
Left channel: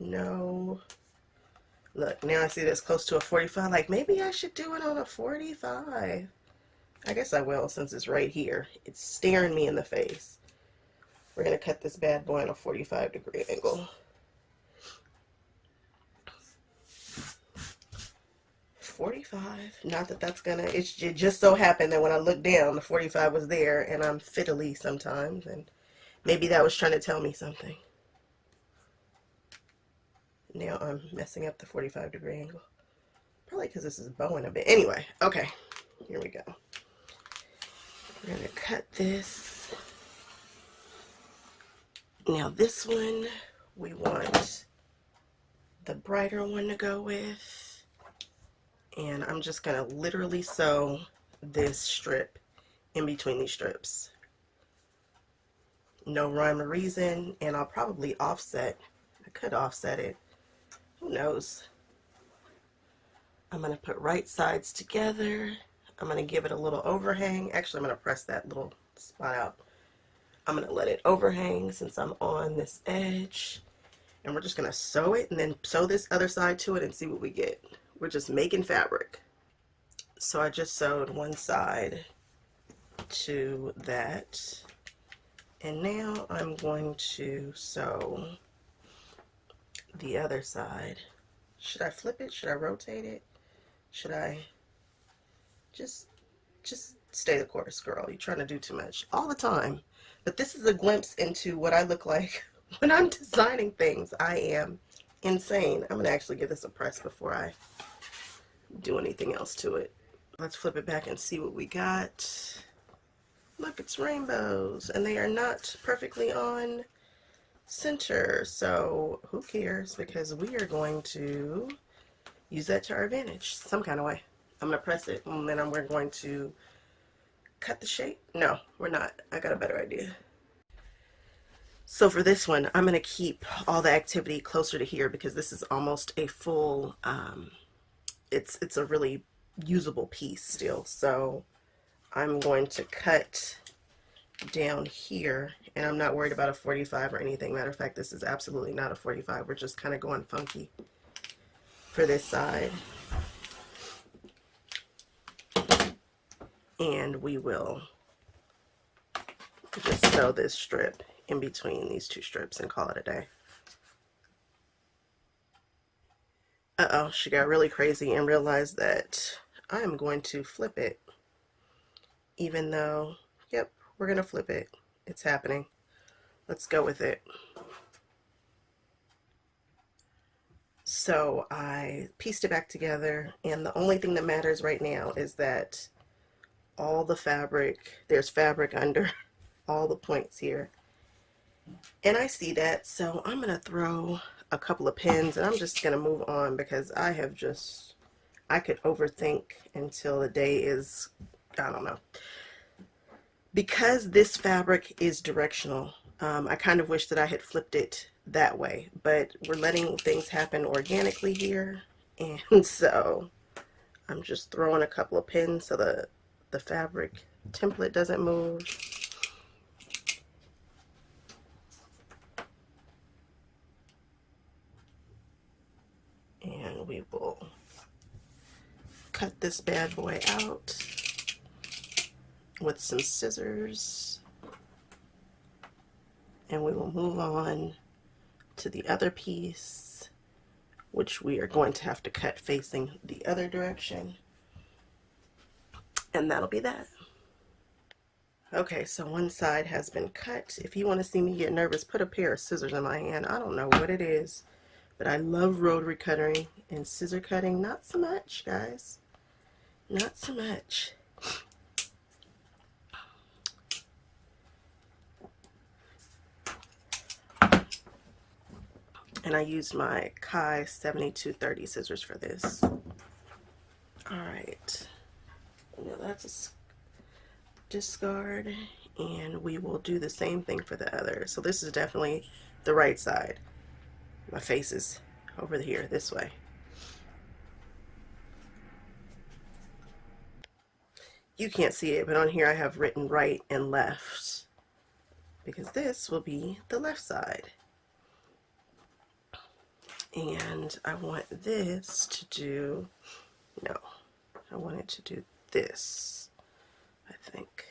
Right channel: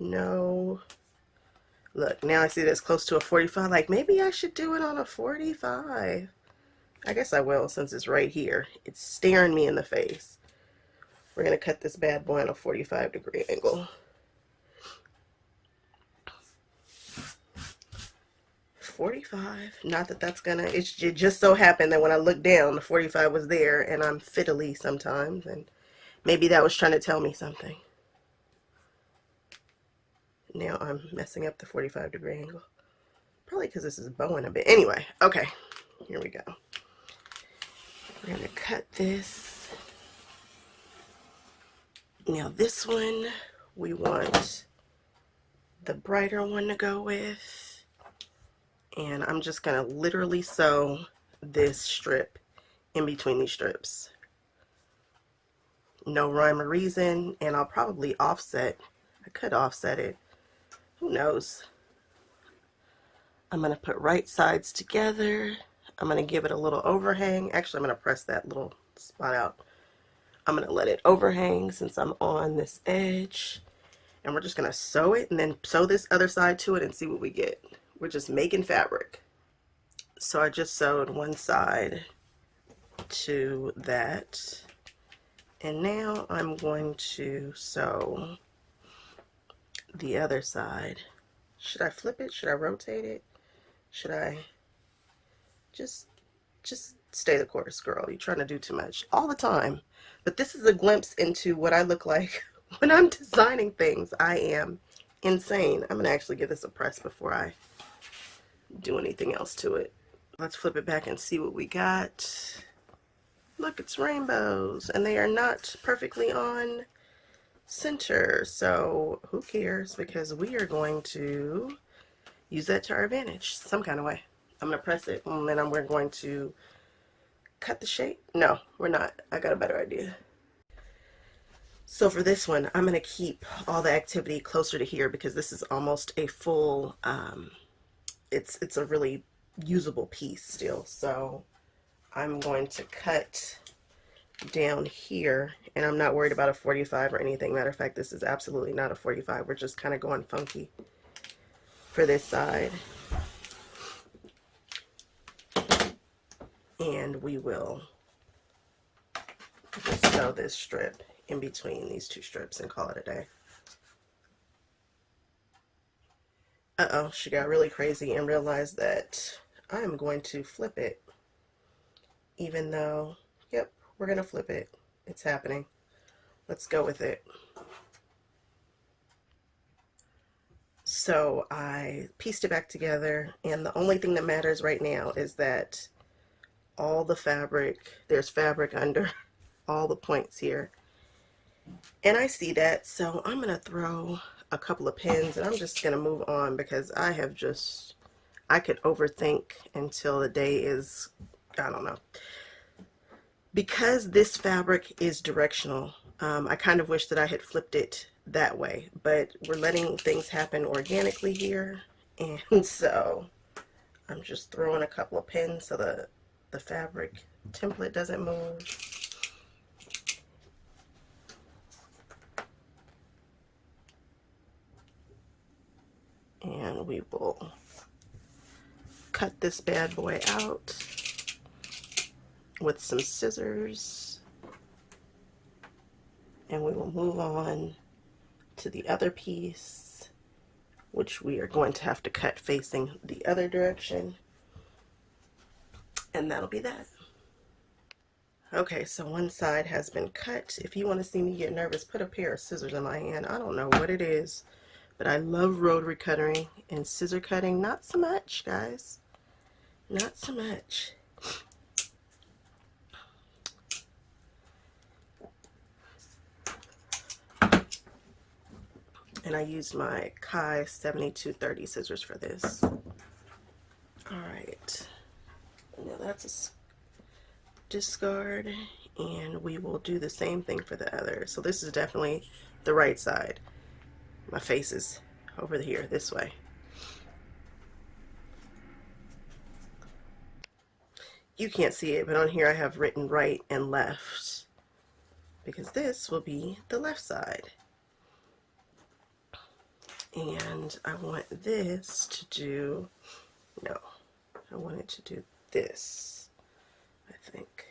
No. Look, now I see that's close to a 45. Like, maybe I should do it on a 45. I guess I will, since it's right here. It's staring me in the face. We're going to cut this bad boy on a 45-degree angle. 45. Not that that's gonna, it just so happened that when I looked down, the 45 was there, and I'm fiddly sometimes, and maybe that was trying to tell me something. Now I'm messing up the 45-degree angle. Probably because this is bowing a bit. Anyway, okay, here we go. We're gonna cut this. Now this one, we want the brighter one to go with. And I'm just gonna literally sew this strip in between these strips. No rhyme or reason, and I'll probably offset. I could offset it. Who knows? I'm gonna put right sides together. I'm gonna give it a little overhang. Actually, I'm gonna press that little spot out. I'm gonna let it overhang since I'm on this edge. And we're just gonna sew it and then sew this other side to it and see what we get. We're just making fabric. So I just sewed one side to that. And now I'm going to sew the other side. Should I flip it? Should I rotate it? Should I just stay the course, girl? You're trying to do too much all the time. But this is a glimpse into what I look like when I'm designing things. I am insane. I'm gonna actually give this a press before I do anything else to it. Let's flip it back and see what we got. Look, it's rainbows, and they are not perfectly on center, so who cares, because we are going to use that to our advantage some kind of way. I'm gonna press it, and then we're going to cut the shape. No, we're not. I got a better idea. So for this one, I'm going to keep all the activity closer to here because this is almost a full, it's a really usable piece still. So I'm going to cut down here, and I'm not worried about a 45 or anything. Matter of fact, this is absolutely not a 45. We're just kind of going funky for this side. And we will just sew this strip in between these two strips and call it a day. Uh-oh, she got really crazy and realized that I am going to flip it. Even though, yep, we're going to flip it. It's happening. Let's go with it. So I pieced it back together, and the only thing that matters right now is that all the fabric, there's fabric under all the points here. And I see that, so I'm going to throw a couple of pins, and I'm just going to move on because I could overthink until the day is, I don't know. Because this fabric is directional, I kind of wish that I had flipped it that way, but we're letting things happen organically here, and so I'm just throwing a couple of pins so the fabric template doesn't move. And we will cut this bad boy out with some scissors, and we will move on to the other piece, which we are going to have to cut facing the other direction, and that'll be that. Okay, so one side has been cut. If you want to see me get nervous, put a pair of scissors in my hand. I don't know what it is, but I love rotary cutting, and scissor cutting, not so much, guys. Not so much. And I used my Kai 7230 scissors for this. All right. Now that's a discard, and we will do the same thing for the other. So this is definitely the right side. My face is over here, this way. You can't see it, but on here I have written right and left because this will be the left side. And I want this to do, no, I want it to do this, I think.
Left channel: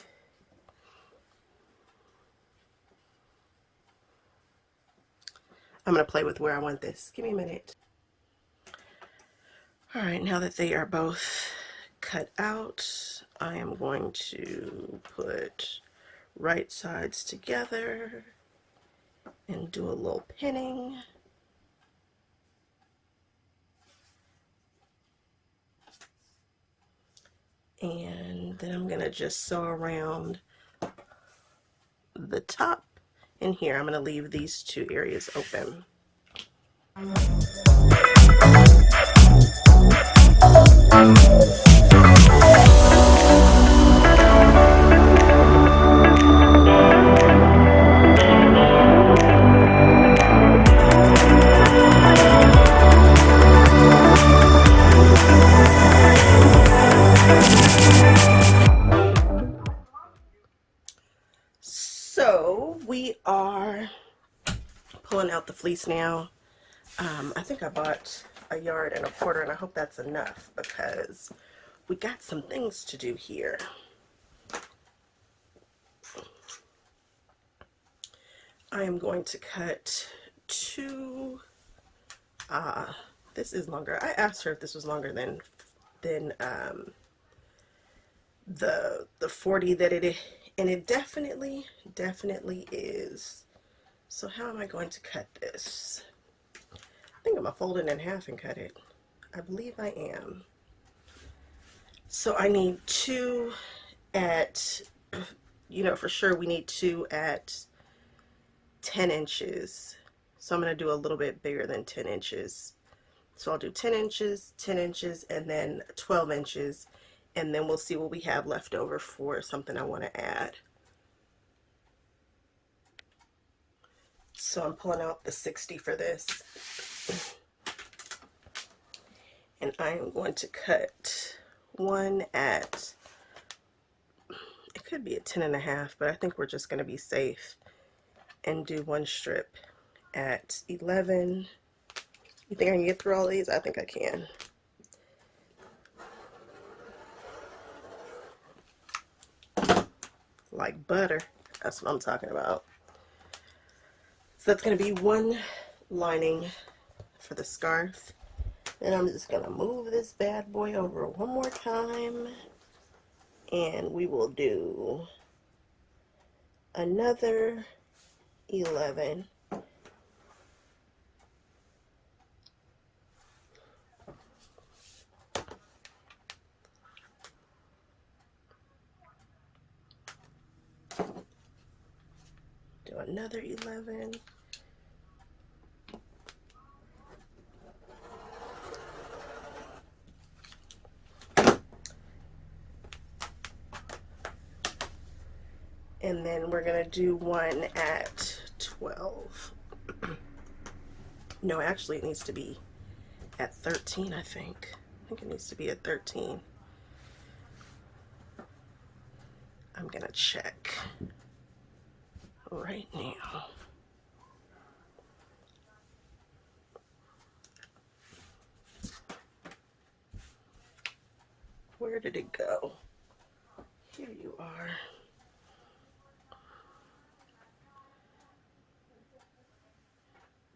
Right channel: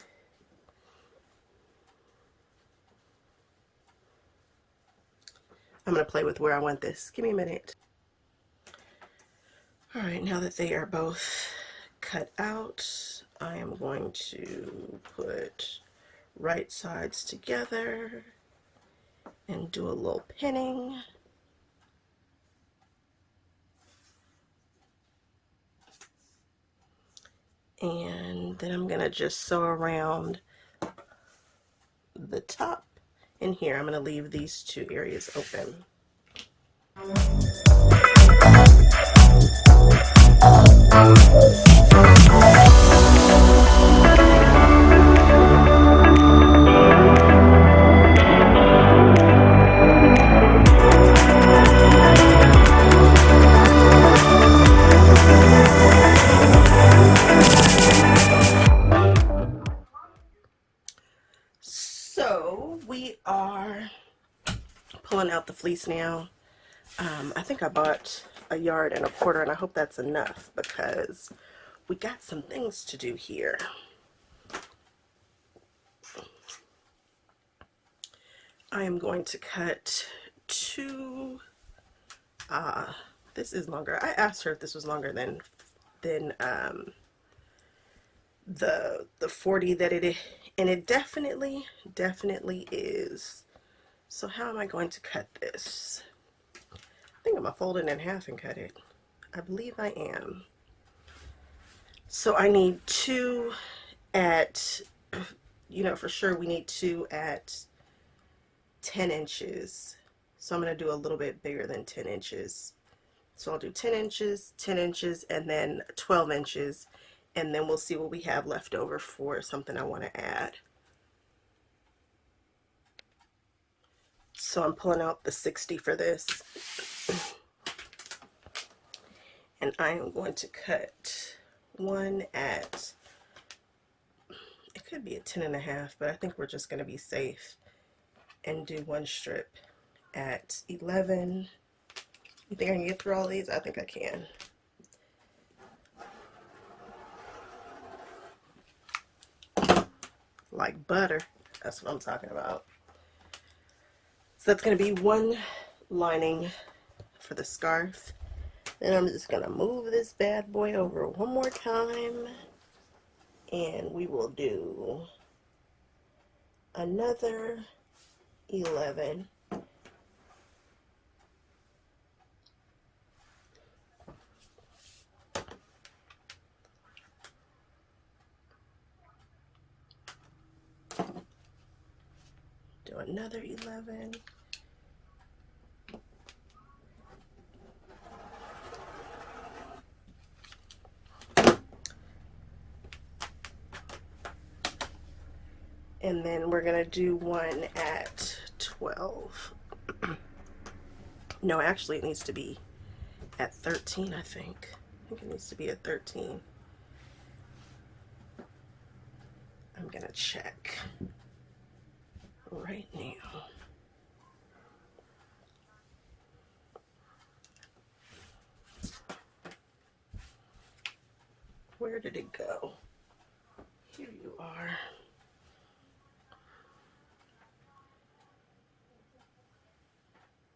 I'm going to play with where I want this. Give me a minute. All right, now that they are both cut out, I am going to put right sides together and do a little pinning. And then I'm going to just sew around the top. And here, I'm going to leave these two areas open. So we are pulling out the fleece now. I think I bought 1.25 yards, and I hope that's enough because we got some things to do here. I am going to cut two, this is longer. I asked her if this was longer than the 40 that it is, and it definitely is. So how am I going to cut this? I think I'm going to fold it in half and cut it. I believe I am. So I need two at, you know, for sure we need two at 10 inches. So I'm going to do a little bit bigger than 10 inches. So I'll do 10 inches, 10 inches, and then 12 inches. And then we'll see what we have left over for something I want to add. So I'm pulling out the 60 for this. And I am going to cut one at, it could be a 10.5, but I think we're just going to be safe and do one strip at 11. You think I can get through all these? I think I can. Like butter. That's what I'm talking about. So that's going to be one lining for the scarf. Then I'm just going to move this bad boy over one more time. And we will do another 11. Do another 11. And then we're going to do one at 12. No, actually it needs to be at 13, I think. I think it needs to be at 13. I'm going to check right now. Where did it go? Here you are.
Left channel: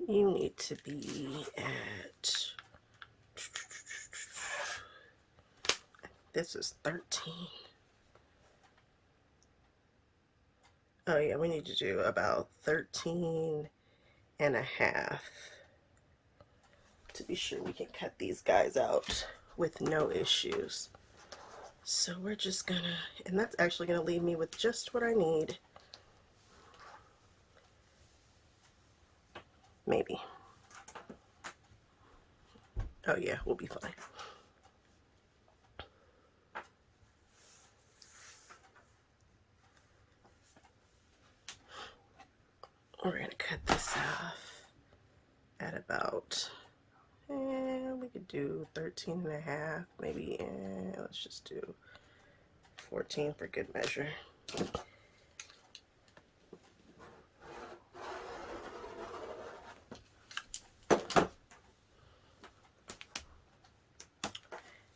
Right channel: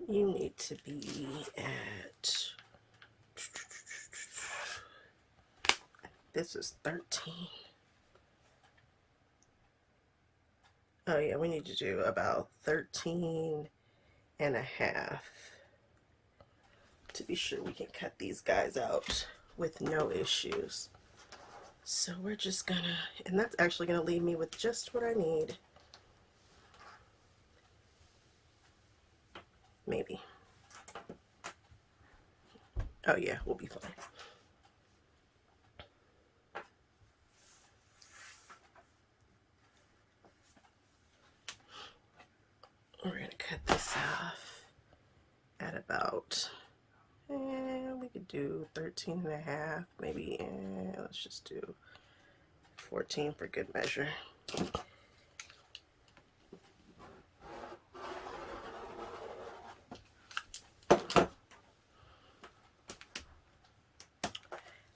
You need to be at, this is 13. Oh yeah, we need to do about 13 and a half to be sure we can cut these guys out with no issues. So we're just gonna, and that's actually gonna leave me with just what I need. Maybe. Oh yeah, we'll be fine. We're gonna cut this off at about, we could do 13 and a half, maybe, let's just do 14 for good measure.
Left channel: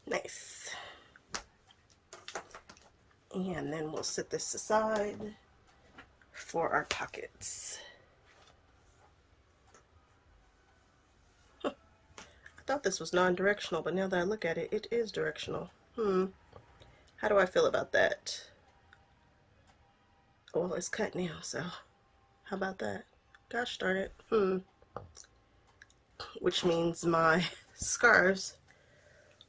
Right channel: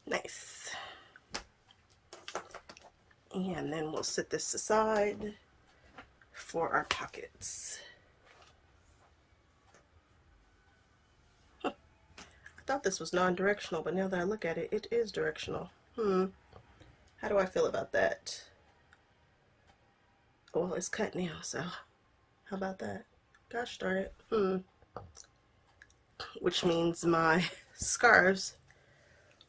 Nice. And then we'll set this aside for our pockets. I thought this was non-directional, but now that I look at it, it is directional. How do I feel about that? Well, it's cut now, so how about that? Gosh darn it. Which means my scarves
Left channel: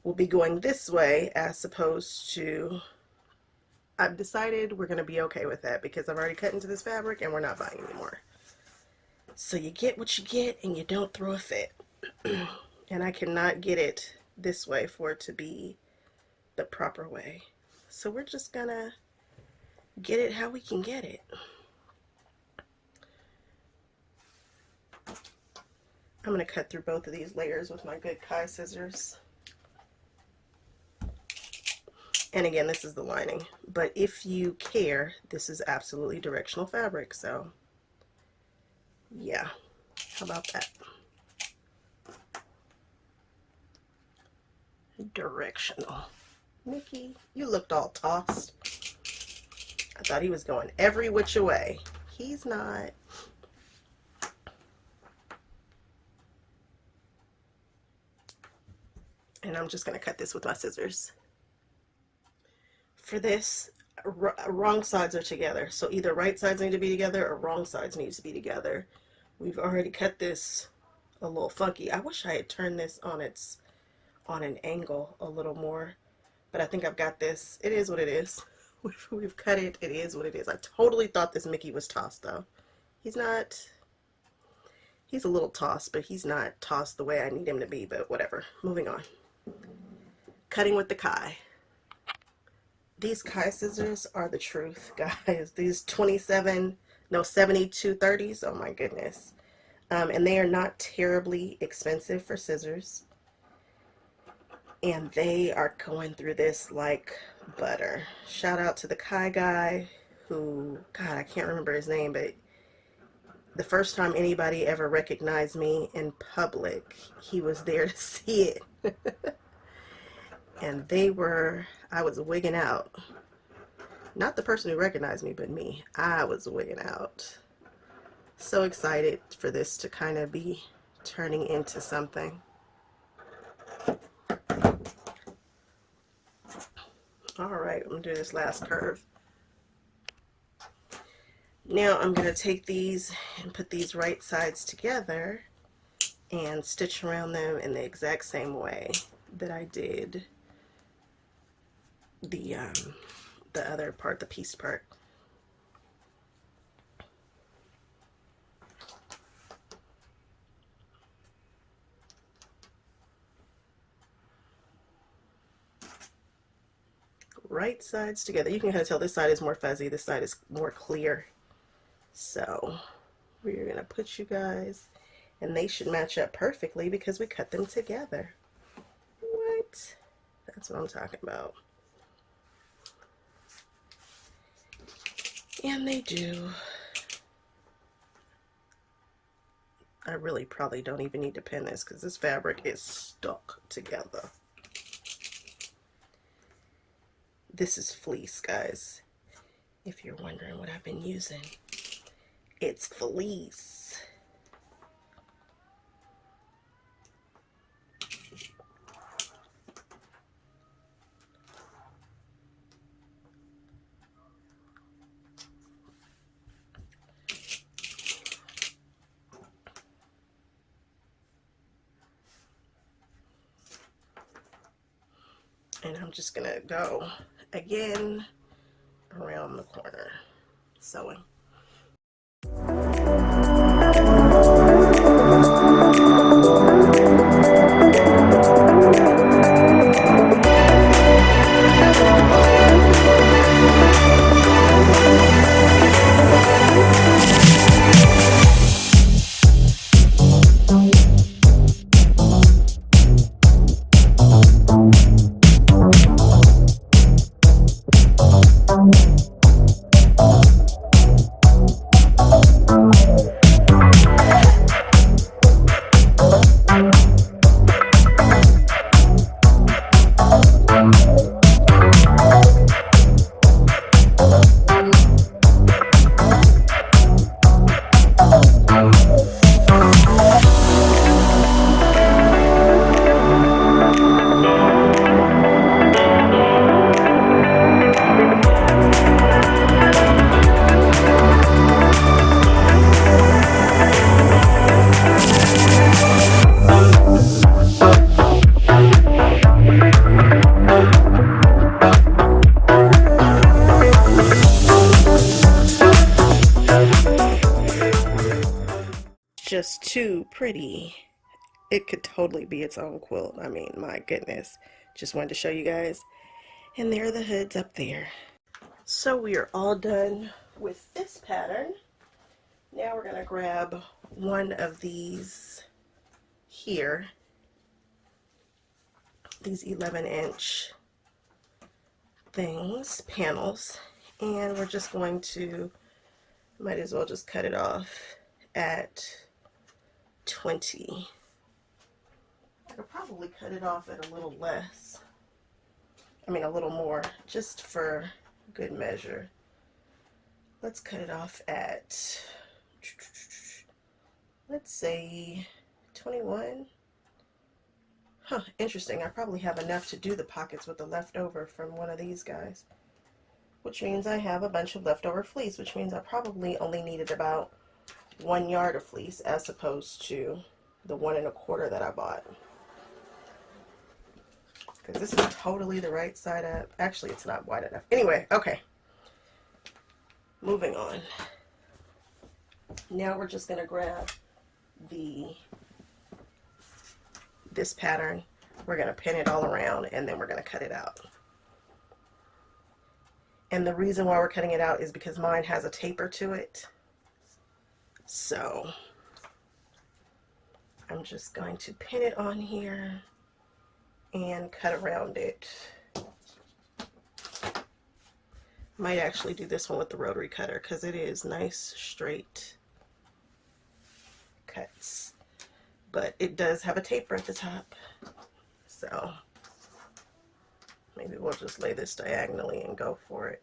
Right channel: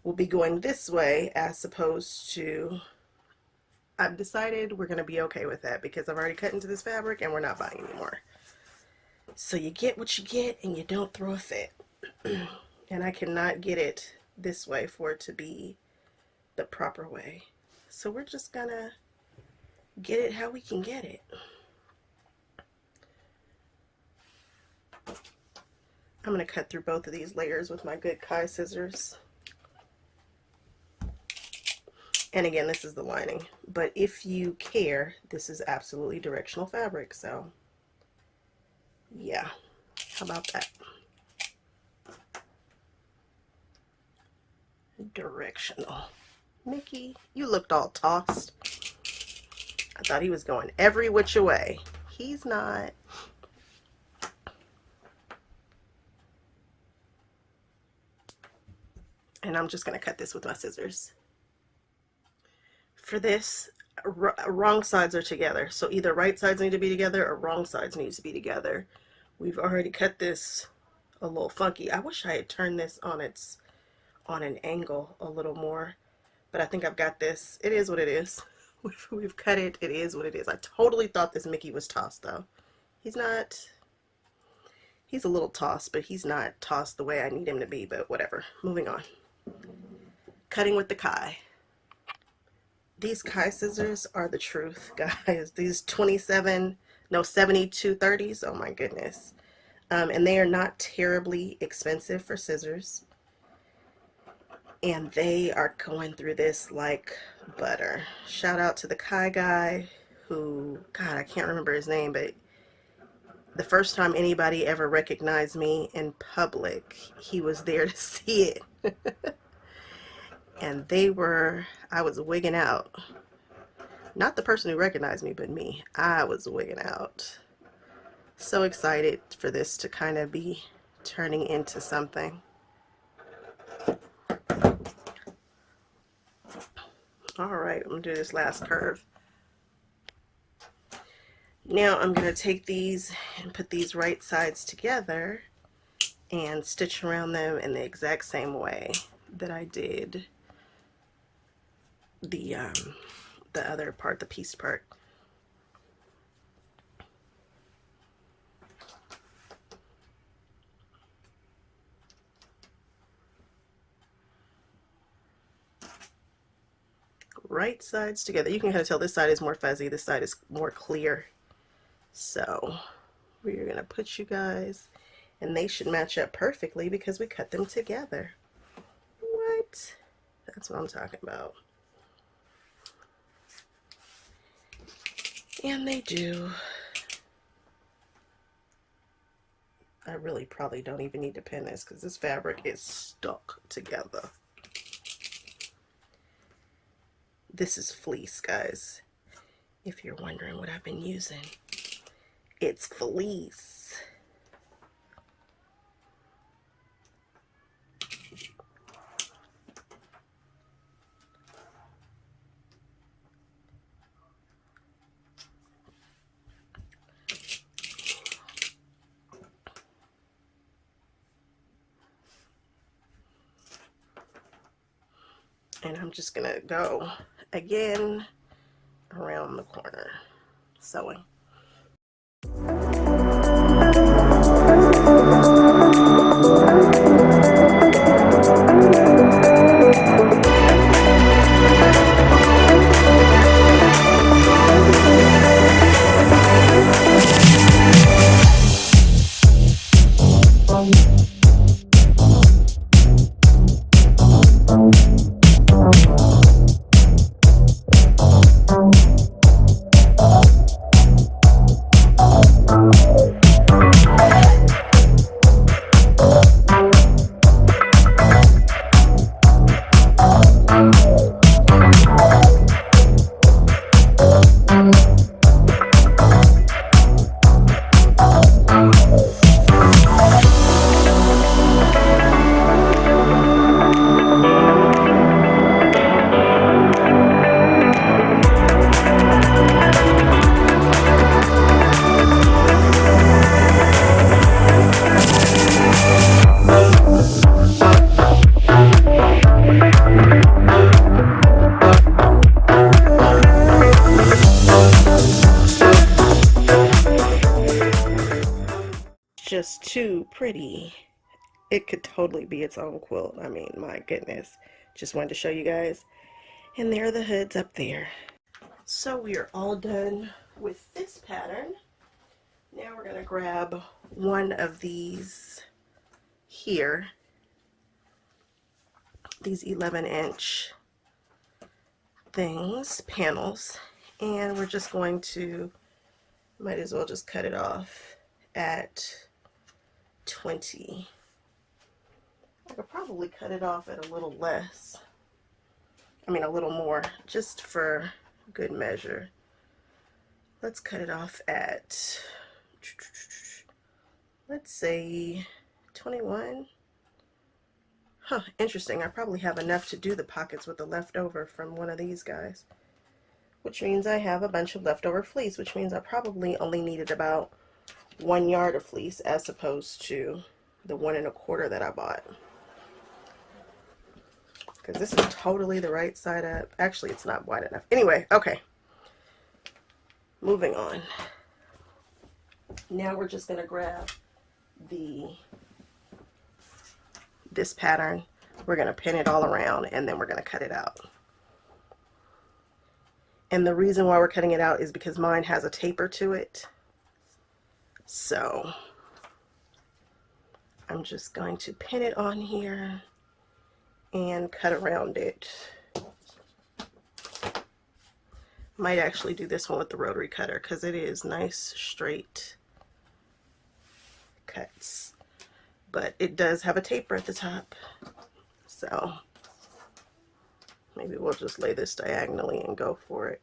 will be going this way as opposed to, I've decided we're going to be okay with that because I've already cut into this fabric and we're not buying anymore. So you get what you get and you don't throw a fit. And I cannot get it this way for it to be the proper way. So we're just going to get it how we can get it. I'm going to cut through both of these layers with my good Kai scissors. And again, this is the lining, but if you care, this is absolutely directional fabric, so yeah, how about that? Directional. Mickey, you looked all tossed. I thought he was going every which way. He's not. And I'm just going to cut this with my scissors. For this, wrong sides are together. So either right sides need to be together or wrong sides need to be together. We've already cut this a little funky. I wish I had turned this on an angle a little more, but I think I've got this. It is what it is. We've cut it. It is what it is. I totally thought this Mickey was tossed though. He's not. He's a little tossed, but he's not tossed the way I need him to be, but whatever. Moving on. Cutting with the Kai. These Kai scissors are the truth, guys. These 7230s, oh my goodness. And they are not terribly expensive for scissors. And they are going through this like butter. Shout out to the Kai guy who, God, I can't remember his name, but the first time anybody ever recognized me in public, he was there to see it. And I was wigging out. Not the person who recognized me, but me. I was wigging out. So excited for this to kind of be turning into something. All right, I'm gonna do this last curve. Now I'm gonna take these and put these right sides together and stitch around them in the exact same way that I did the other part, the piece part. Right sides together. You can kind of tell this side is more fuzzy, this side is more clear. So we're gonna put you guys, and they should match up perfectly because we cut them together. What? That's what I'm talking about. And they do. I really probably don't even need to pin this because this fabric is stuck together. This is fleece, guys. If you're wondering what I've been using, it's fleece. And I'm just gonna go again around the corner, sewing. Just too pretty. It could totally be its own quilt. I mean, my goodness. Just wanted to show you guys. And there are the hoods up there. So we are all done with this pattern. Now we're going to grab one of these here. These 11-inch things, panels. And we're just going to, might as well just cut it off at 20. I could probably cut it off at a little less. I mean, a little more, just for good measure. Let's cut it off at, let's say 21. Huh, interesting. I probably have enough to do the pockets with the leftover from one of these guys, which means I have a bunch of leftover fleece, which means I probably only needed about 1 yard of fleece as opposed to the 1 1/4 that I bought. Because this is totally the right side up. Actually, it's not wide enough. Anyway, okay. Moving on. Now we're just going to grab this pattern. We're going to pin it all around and then we're going to cut it out. And the reason why we're cutting it out is because mine has a taper to it. So I'm just going to pin it on here and cut around it. Might actually do this one with the rotary cutter because it is nice straight cuts, but it does have a taper at the top, so maybe we'll just lay this diagonally and go for it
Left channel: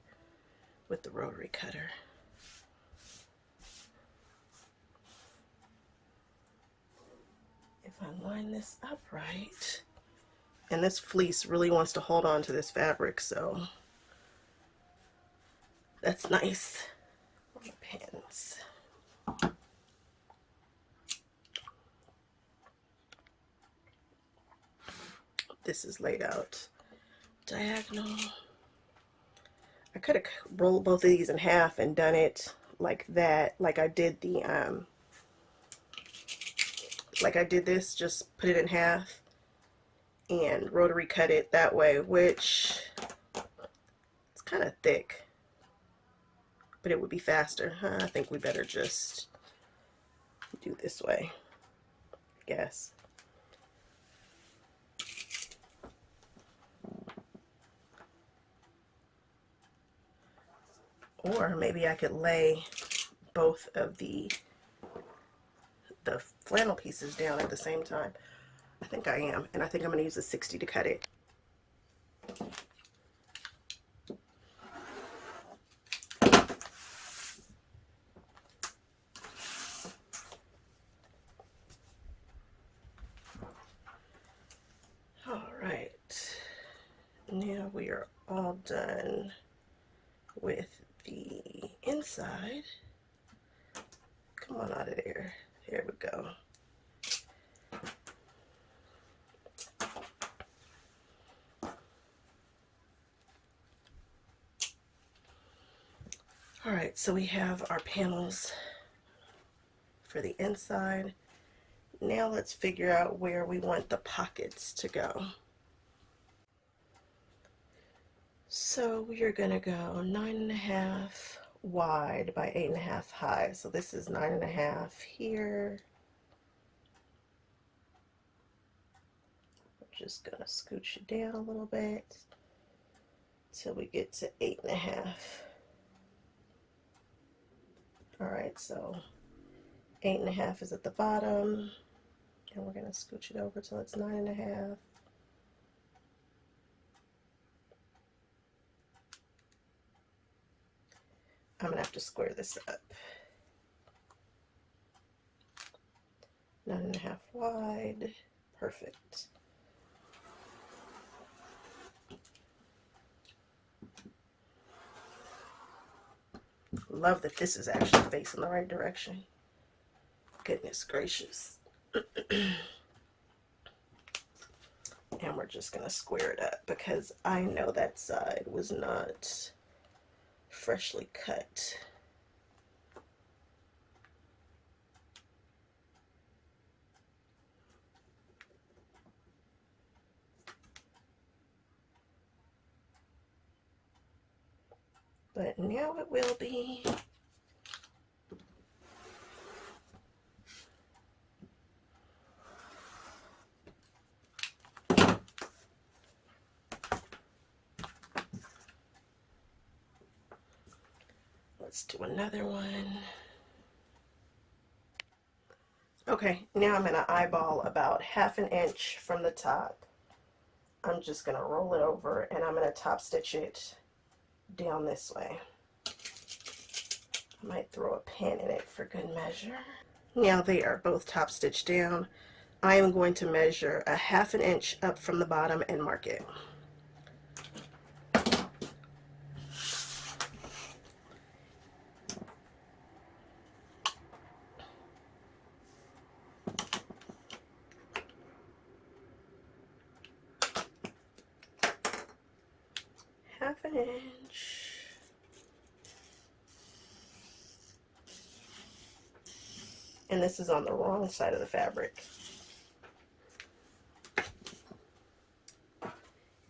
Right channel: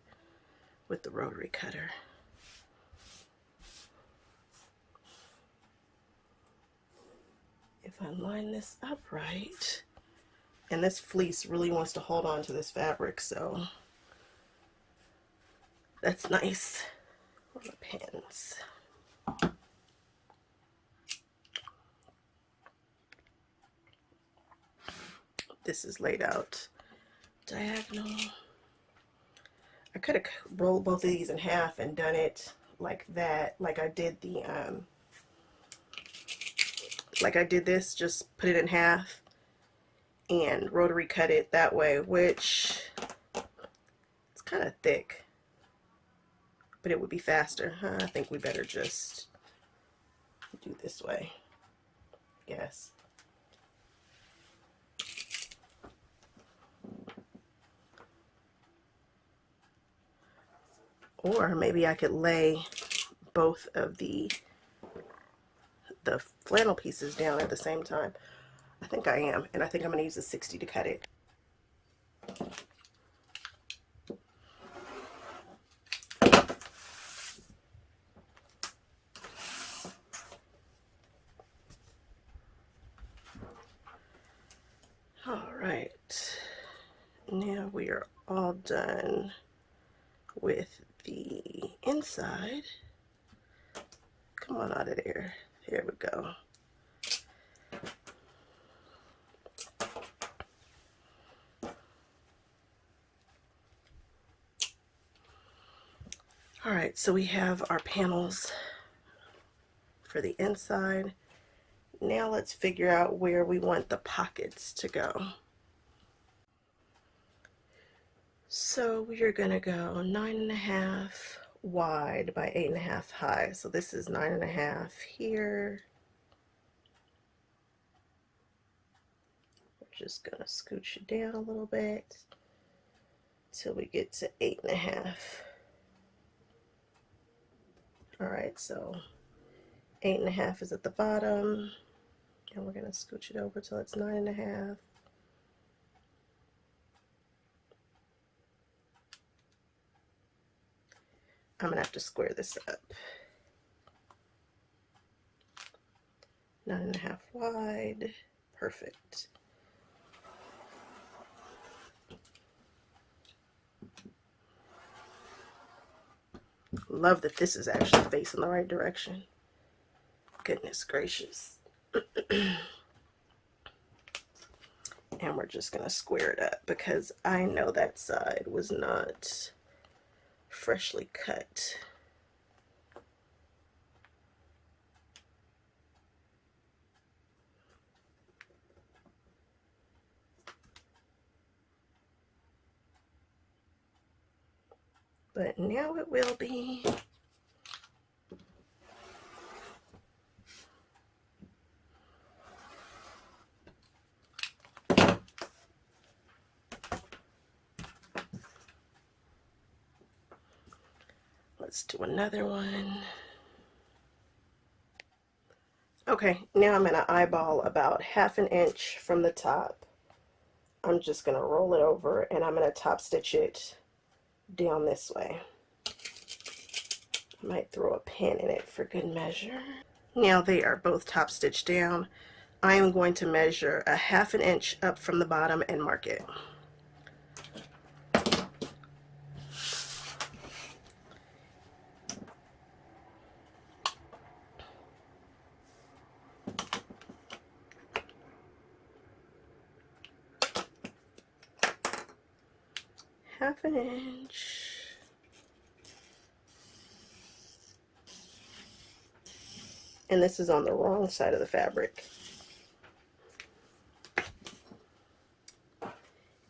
with the rotary cutter. If I line this up right, and this fleece really wants to hold on to this fabric, so that's nice. The pins. This is laid out diagonal. I could have rolled both of these in half and done it like that, like I did the like I did this, just put it in half and rotary cut it that way, which it's kind of thick, but it would be faster. I think we better just do this way, I guess. Or maybe I could lay both of the flannel pieces down at the same time. I think I am, and I think I'm going to use a 60 to cut it. All right, now we are all done with the inside. Come on out of there. Here we go. All right, so we have our panels for the inside. Now let's figure out where we want the pockets to go. So we are gonna go 9.5 wide by 8.5 high. So this is 9.5 here. We're just gonna scooch it down a little bit till we get to 8.5. All right, so 8.5 is at the bottom, and we're gonna scooch it over till it's 9.5. I'm gonna have to square this up. 9.5 wide, perfect. Love that this is actually facing the right direction. Goodness gracious. And we're just gonna square it up because I know that side was not freshly cut. But now it will be. Let's do another one. Okay, now I'm going to eyeball about 1/2 inch from the top. I'm just going to roll it over and I'm going to top stitch it down this way. I might throw a pin in it for good measure. Now they are both top stitched down. I am going to measure 1/2 inch up from the bottom and mark it. Half an inch. And this is on the wrong side of the fabric.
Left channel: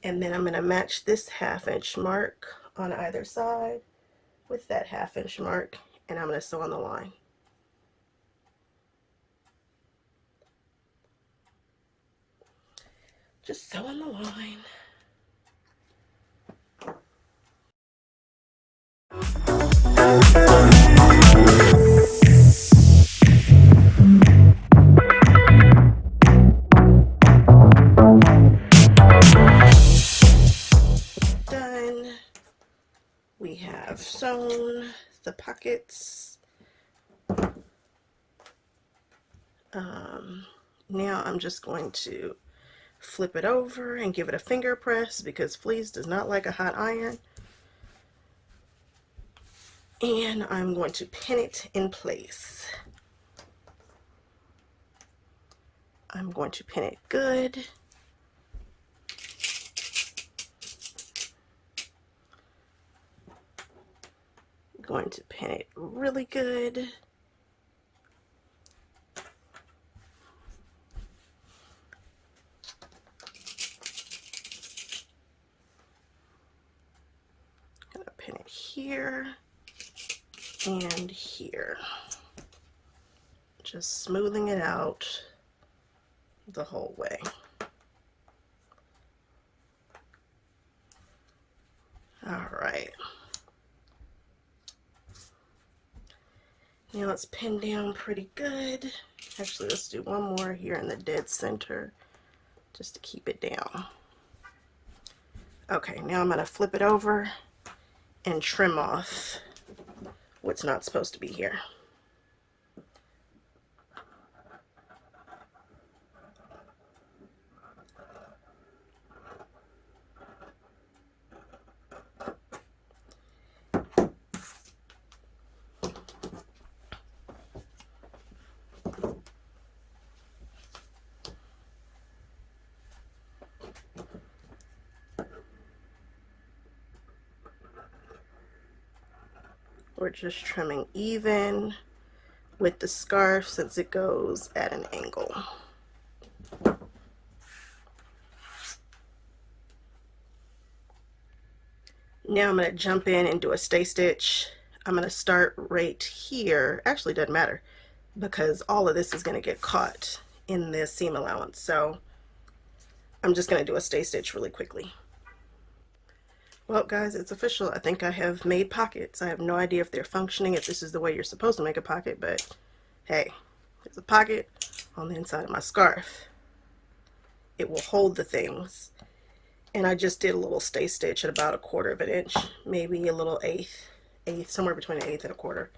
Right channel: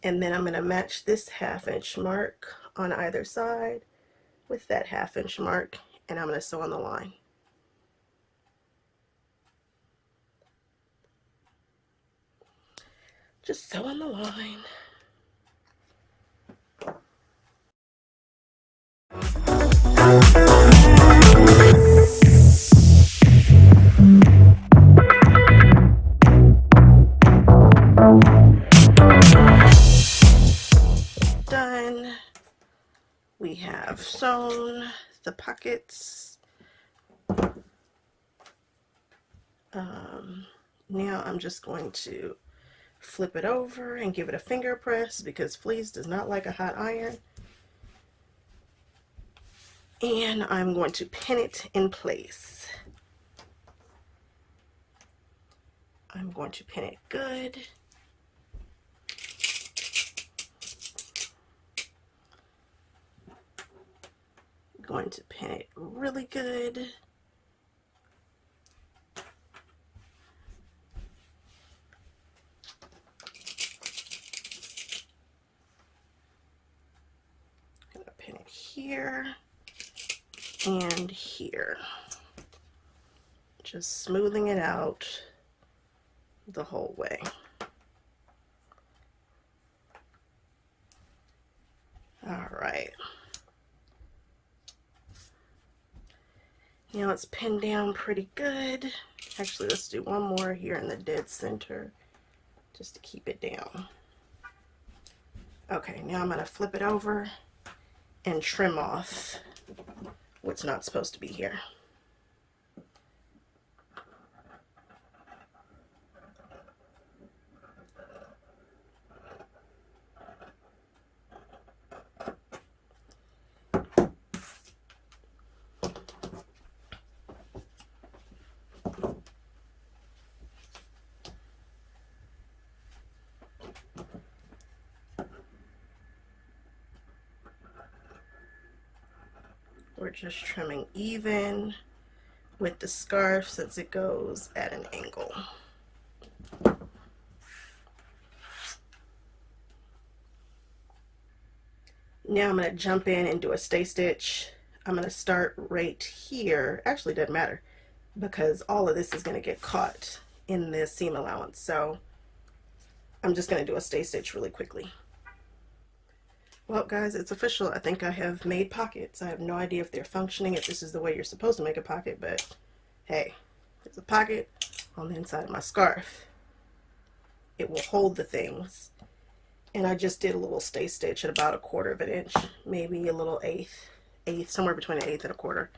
And then I'm going to match this 1/2 inch mark on either side with that 1/2 inch mark, and I'm going to sew on the line. Just sewing the line. Done. We have sewn the pockets. Now I'm just going to flip it over and give it a finger press because fleece does not like a hot iron. And I'm going to pin it in place. I'm going to pin it good. I'm going to pin it really good. I'm going to pin it here and here. Just smoothing it out the whole way. All right. Now it's pinned down pretty good. Actually, let's do one more here in the dead center just to keep it down. Okay, now I'm going to flip it over and trim off what's not supposed to be here. We're just trimming even with the scarf since it goes at an angle. Now I'm going to jump in and do a stay stitch. I'm going to start right here. Actually, it doesn't matter because all of this is going to get caught in the seam allowance. So I'm just going to do a stay stitch really quickly. Well, guys, it's official. I think I have made pockets. I have no idea if they're functioning, if this is the way you're supposed to make a pocket, but hey, there's a pocket on the inside of my scarf. It will hold the things. And I just did a little stay stitch at about 1/4 of an inch, maybe a little eighth, somewhere between an eighth and 1/4,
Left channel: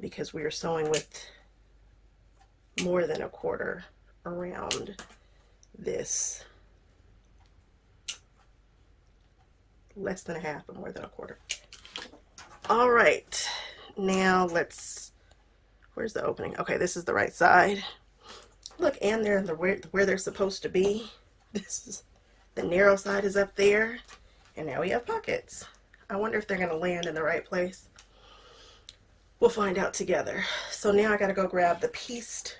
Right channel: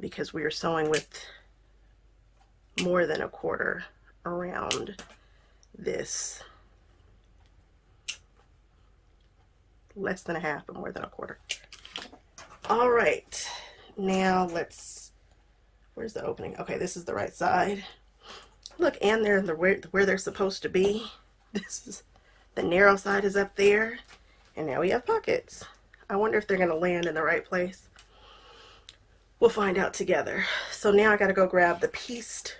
because we are sewing with more than 1/4 around this. Less than a half, but more than 1/4. All right, now let's, where's the opening? Okay, this is the right side. Look, and they're where they're supposed to be. This is, the narrow side is up there, and now we have pockets. I wonder if they're gonna land in the right place. We'll find out together. So now I gotta go grab the pieced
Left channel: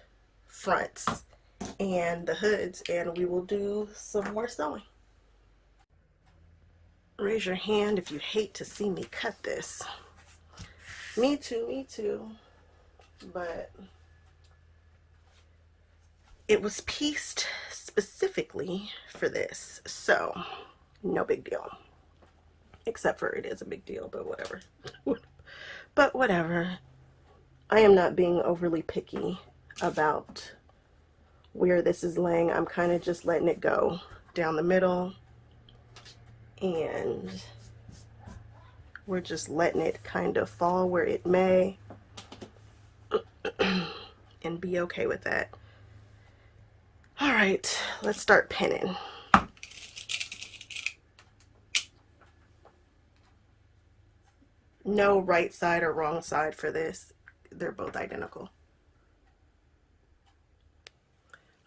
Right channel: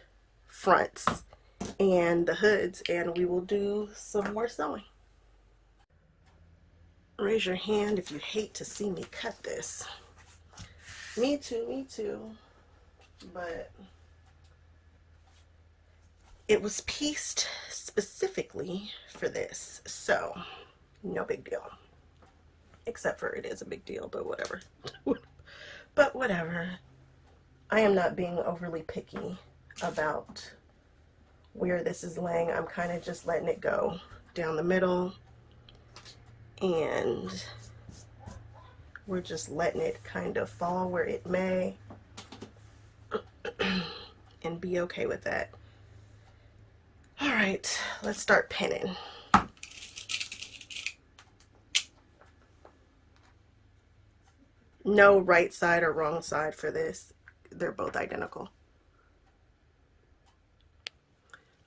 fronts and the hoods, and we will do some more sewing. Raise your hand if you hate to see me cut this. Me too. But it was pieced specifically for this, so no big deal. Except for it is a big deal, but whatever. But whatever. I am not being overly picky about where this is laying. I'm kind of just letting it go down the middle. And we're just letting it kind of fall where it may and be okay with that. All right, let's start pinning. No right side or wrong side for this. They're both identical.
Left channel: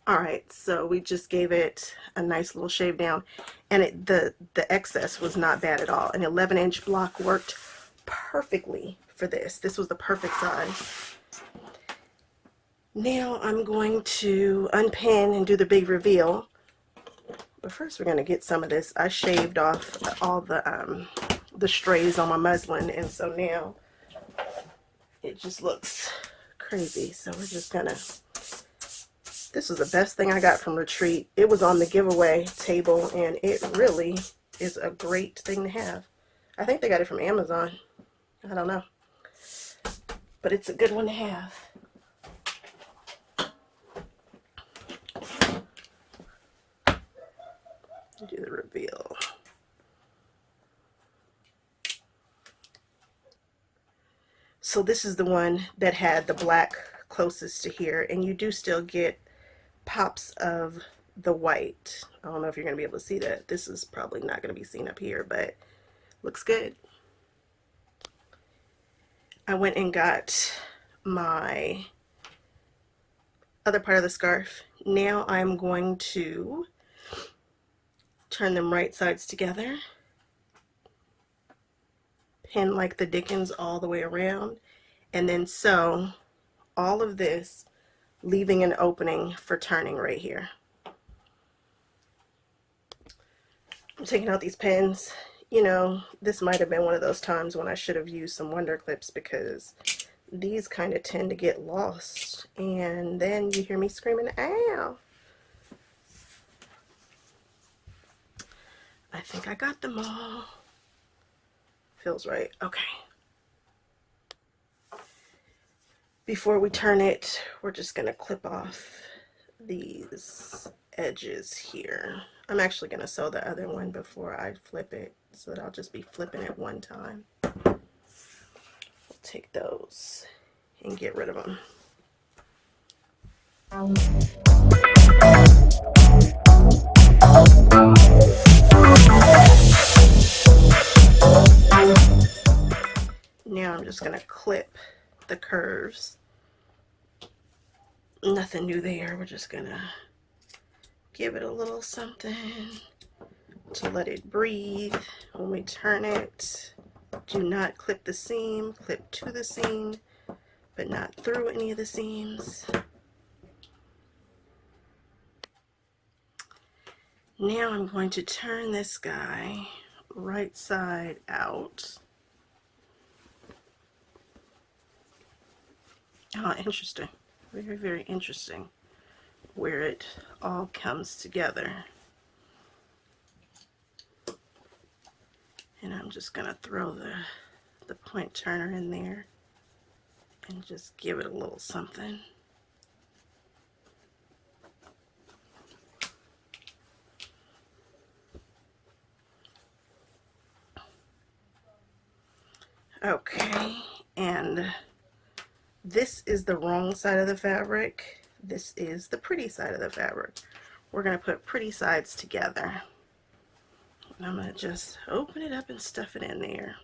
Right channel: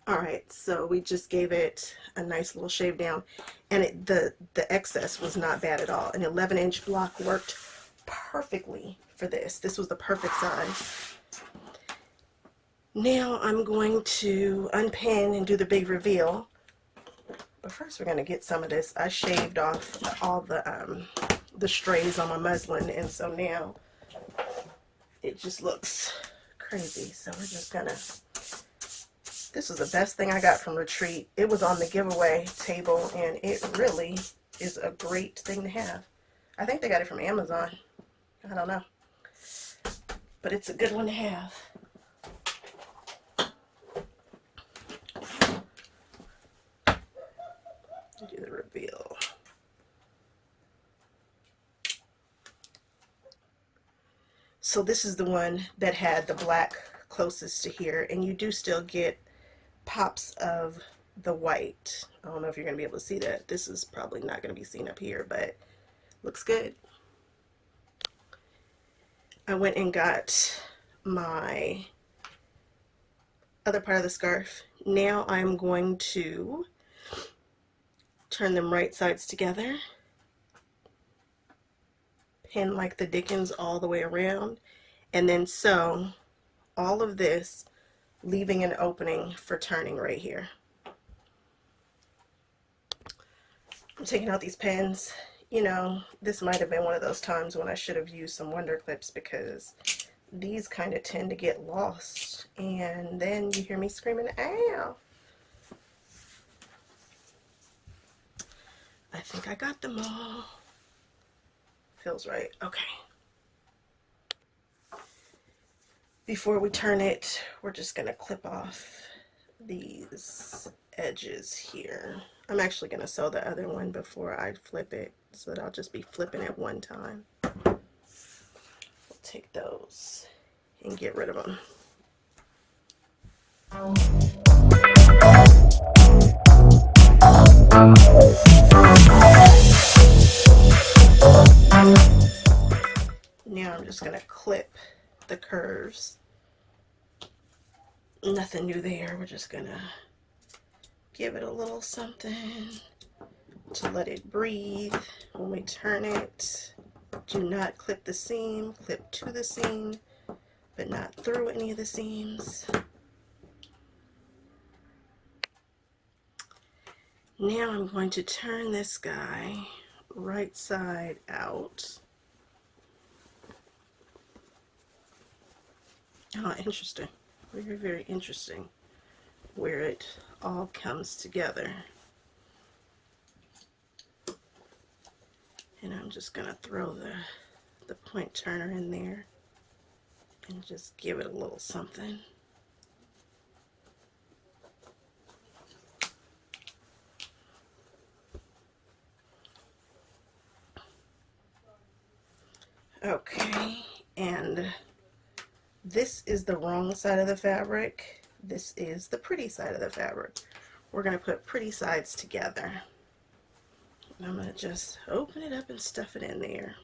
All right, so we just gave it a nice little shave down, and the excess was not bad at all. An 11-inch block worked perfectly for this. This was the perfect size. Now I'm going to unpin and do the big reveal. But first we're going to get some of this. I shaved off all the strays on my muslin, and so now it just looks crazy. So we're just going to This is the best thing I got from Retreat. It was on the giveaway table, and it really is a great thing to have. I think they got it from Amazon. I don't know. But it's a good one to have. Do the reveal. So this is the one that had the black closest to here, and you do still get pops of the white. I don't know if you're going to be able to see that. This is probably not going to be seen up here, but looks good. I went and got my other part of the scarf. Now I'm going to turn them right sides together, pin like the Dickens all the way around, and then sew all of this, leaving an opening for turning right here. I'm taking out these pins. You know, this might have been one of those times when I should have used some Wonder Clips, because these kind of tend to get lost, and then you hear me screaming, ow. I think I got them all. Feels right. Okay. Before we turn it, we're just going to clip off these edges here. I'm actually going to sew the other one before I flip it, so that I'll just be flipping it one time. We'll take those and get rid of them. Now I'm just going to clip the curves. Nothing new there. We're just going to give it a little something to let it breathe. When we turn it, do not clip the seam. Clip to the seam, but not through any of the seams. Now I'm going to turn this guy right side out. Oh, interesting. Very, very interesting where it all comes together. And I'm just going to throw the point turner in there and just give it a little something. Okay, and this is the wrong side of the fabric. This is the pretty side of the fabric. We're going to put pretty sides together. And I'm going to just open it up and stuff it in there.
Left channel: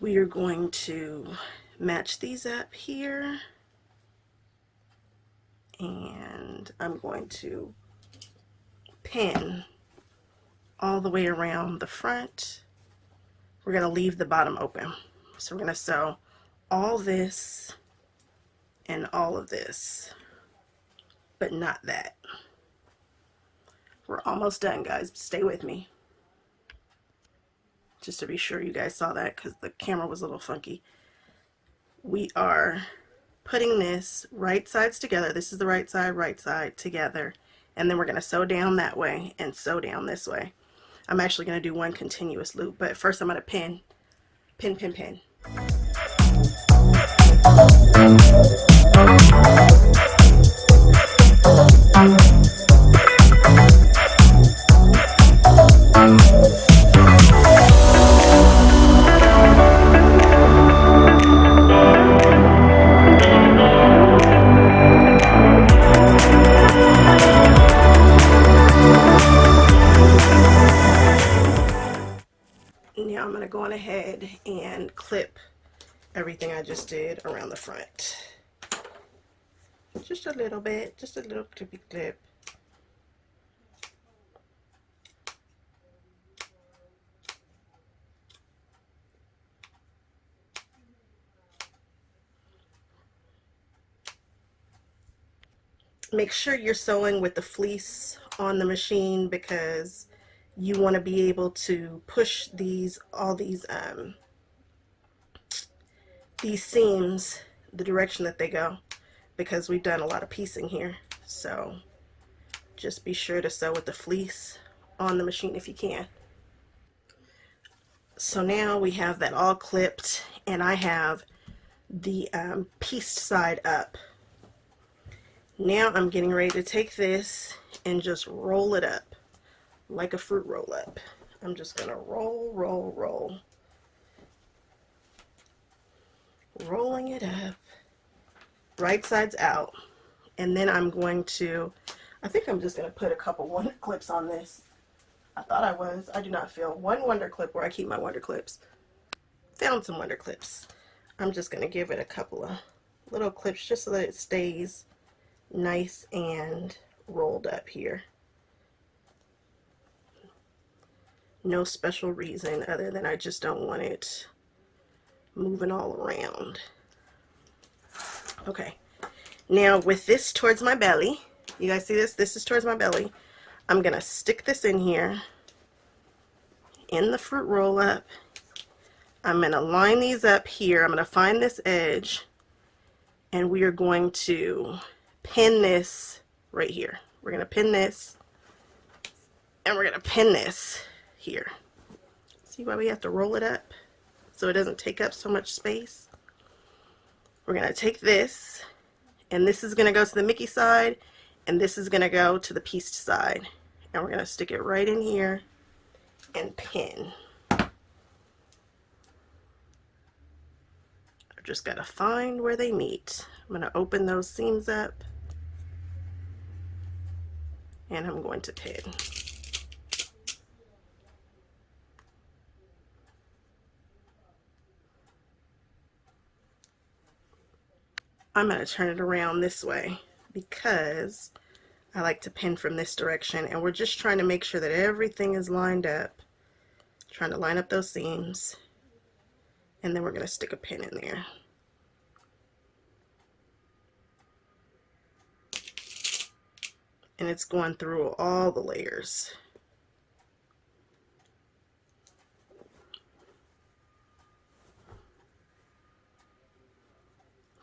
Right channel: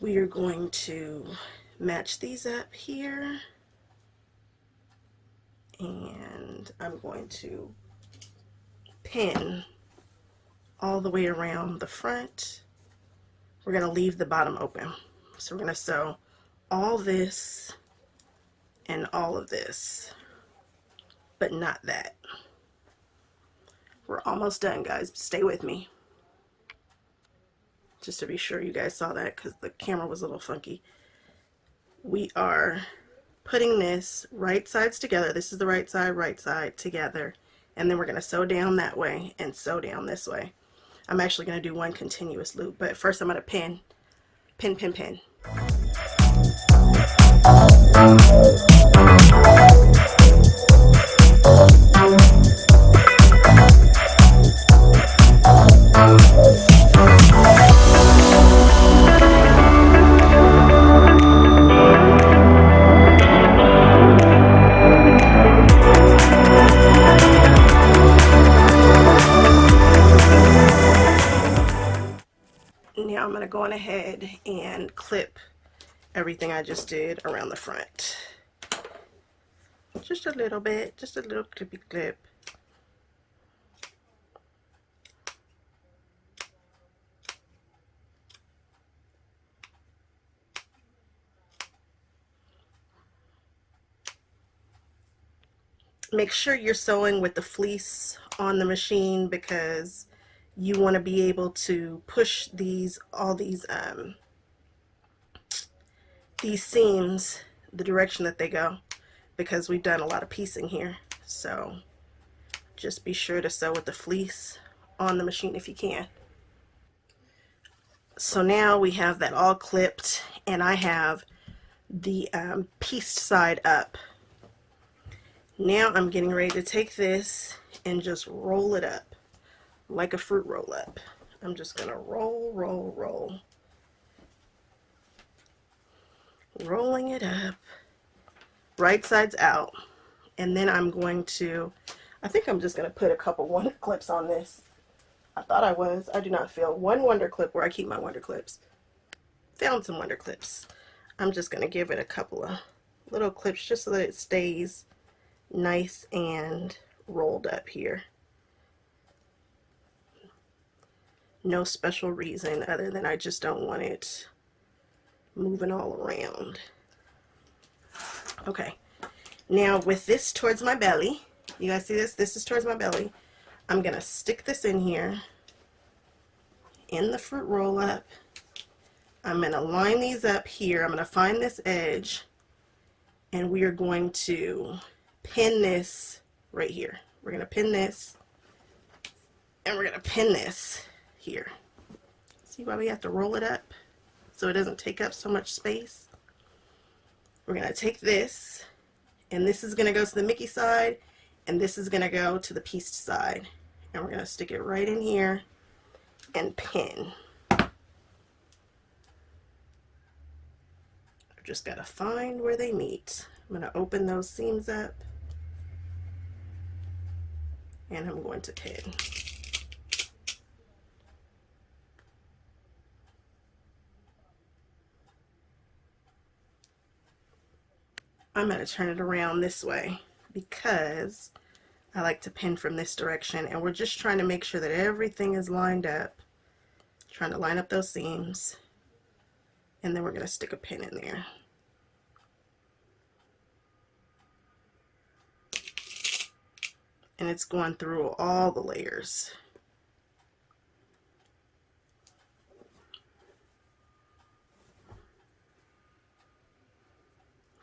We are going to match these up here. And I'm going to pin all the way around the front. We're going to leave the bottom open. So we're going to sew all this and all of this, but not that. We're almost done, guys. Stay with me. Just to be sure you guys saw that, because the camera was a little funky. We are putting this right sides together. This is the right side together. And then we're going to sew down that way and sew down this way. I'm actually going to do one continuous loop, but first I'm going to pin. Now I'm going to go on ahead and clip everything I just did around the front. Just a little bit, just a little clippy clip. Make sure you're sewing with the fleece on the machine, because you want to be able to push all these seams the direction that they go. because we've done a lot of piecing here. So just be sure to sew with the fleece on the machine if you can. So now we have that all clipped, and I have the pieced side up. Now I'm getting ready to take this and just roll it up like a fruit roll up. I'm just gonna roll, roll, roll. Rolling it up, right sides out. And then I'm going to, I think I'm just gonna put a couple wonder clips on this. I thought I was. I do not feel one wonder clip where I keep my wonder clips. Found some wonder clips. I'm just going to give it a couple of little clips just so that it stays nice and rolled up here. No special reason other than I just don't want it moving all around. Okay. Now with this towards my belly, you guys see this? This is towards my belly. I'm going to stick this in here in the fruit roll up. I'm going to line these up here. I'm going to find this edge, and we are going to pin this right here. We're going to pin this, and we're going to pin this here. See why we have to roll it up so it doesn't take up so much space? We're going to take this, and this is going to go to the Mickey side, and this is going to go to the pieced side. And we're going to stick it right in here and pin. I've just got to find where they meet. I'm going to open those seams up, and I'm going to pin. I'm going to turn it around this way because I like to pin from this direction, and we're just trying to make sure that everything is lined up. Trying to line up those seams, and then we're going to stick a pin in there. And it's going through all the layers.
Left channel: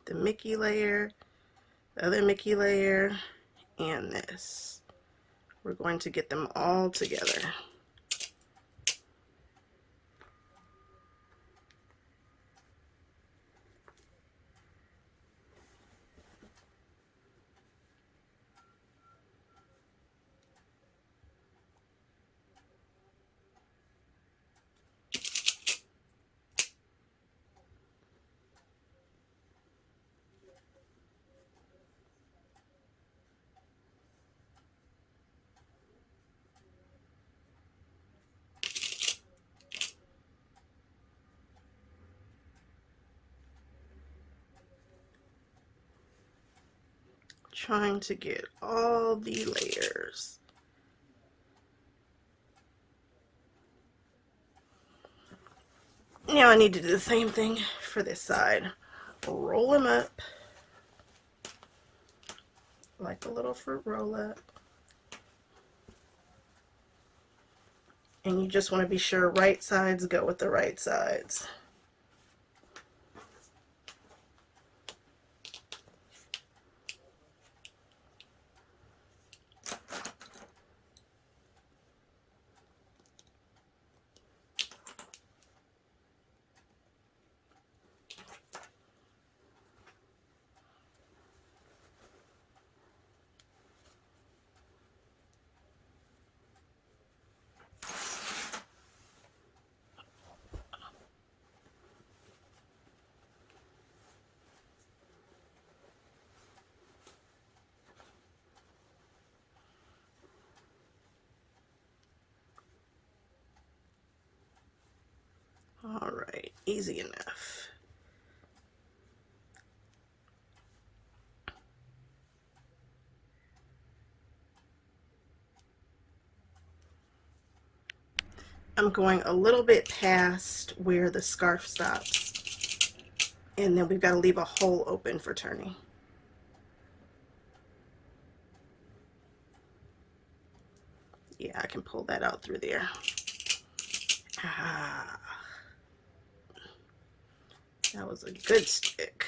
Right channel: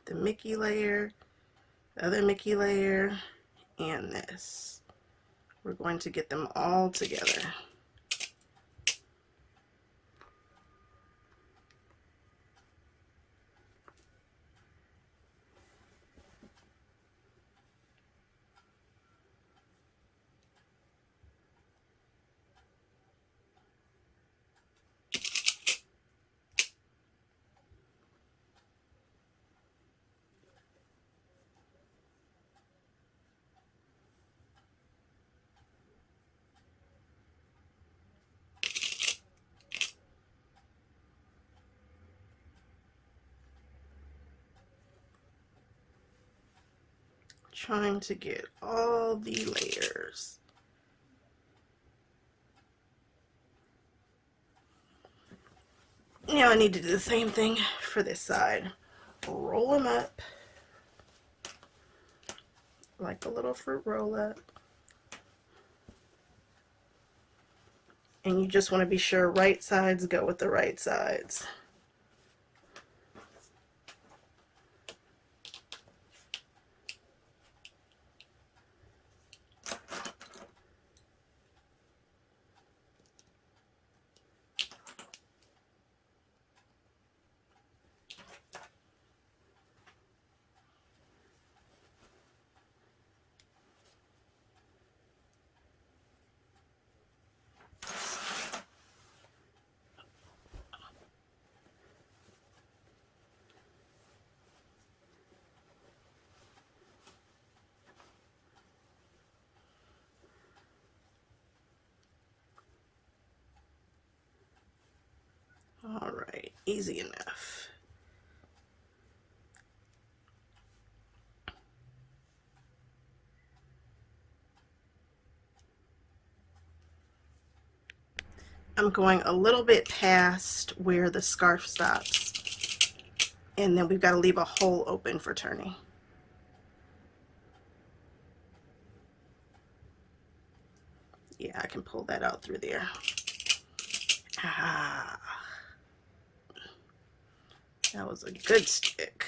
The Mickey layer, the other Mickey layer, and this. We're going to get them all together. Trying to get all the layers. Now I need to do the same thing for this side. Roll them up like a little fruit roll up. And you just want to be sure right sides go with the right sides. All right, easy enough. I'm going a little bit past where the scarf stops, and then we've got to leave a hole open for turning. Yeah, I can pull that out through there. Ah, that was a good stick.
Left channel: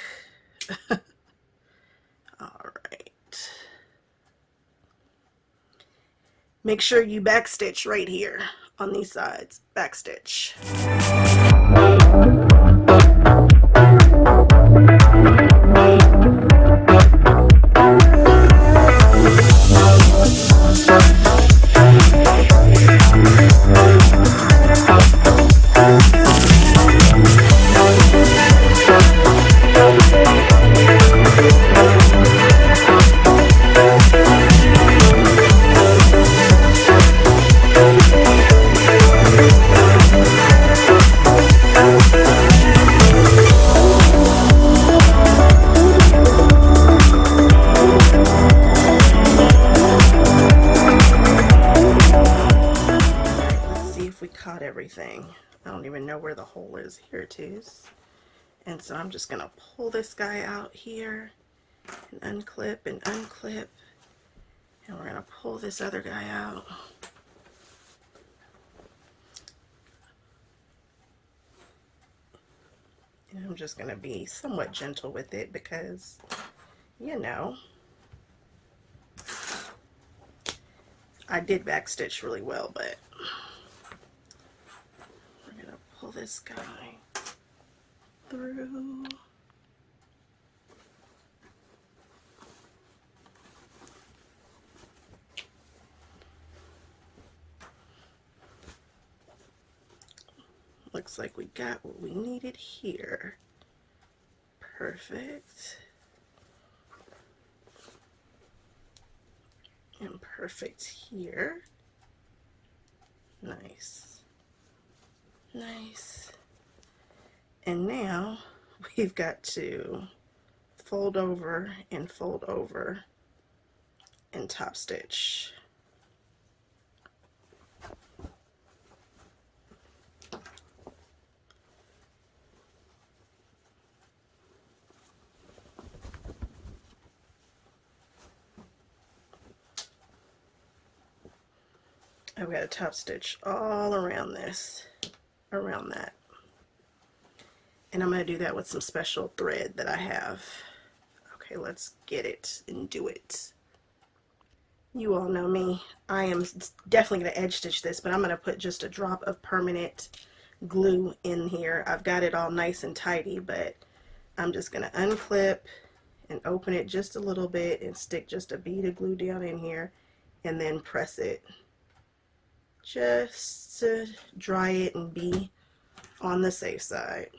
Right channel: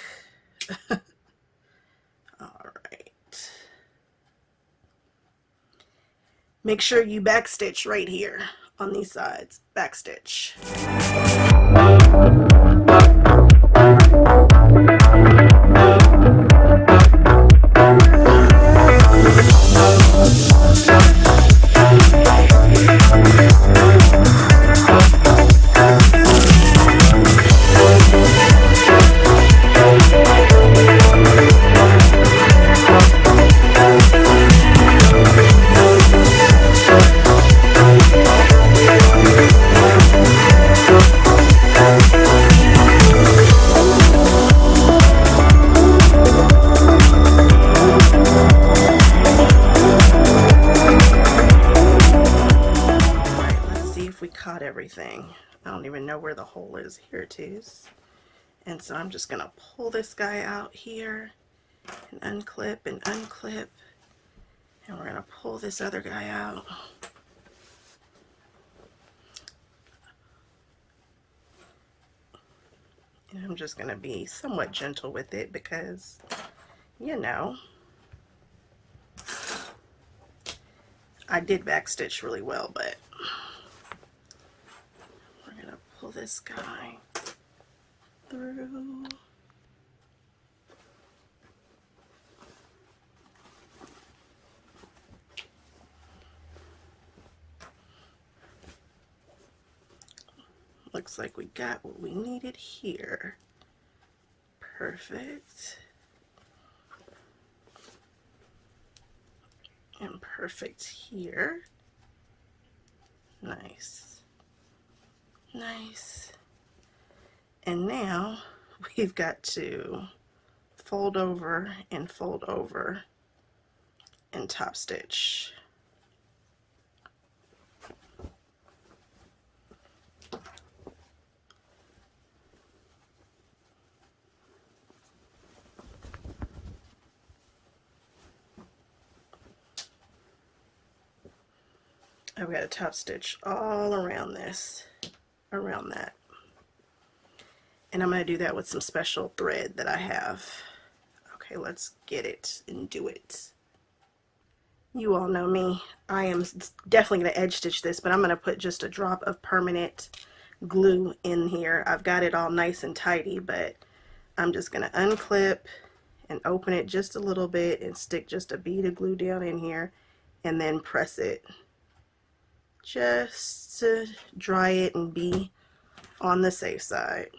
Make sure you backstitch right here on these sides. Backstitch. Everything. I don't even know where the hole is. Here it is. And so I'm just gonna pull this guy out here and unclip and unclip, and we're gonna pull this other guy out. And I'm just gonna be somewhat gentle with it because, you know, I did backstitch really well, but pull this guy through. Looks like we got what we needed here. Perfect. And perfect here. Nice. Nice. And now we've got to fold over and top stitch. I've got a top stitch all around this, around that. And I'm going to do that with some special thread that I have. Okay, let's get it and do it. You all know me. I am definitely going to edge stitch this, but I'm going to put just a drop of permanent glue in here. I've got it all nice and tidy, but I'm just going to unclip and open it just a little bit and stick just a bead of glue down in here and then press it just to dry it and be on the safe side.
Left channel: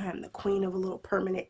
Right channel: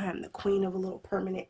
I am the queen of a little permanent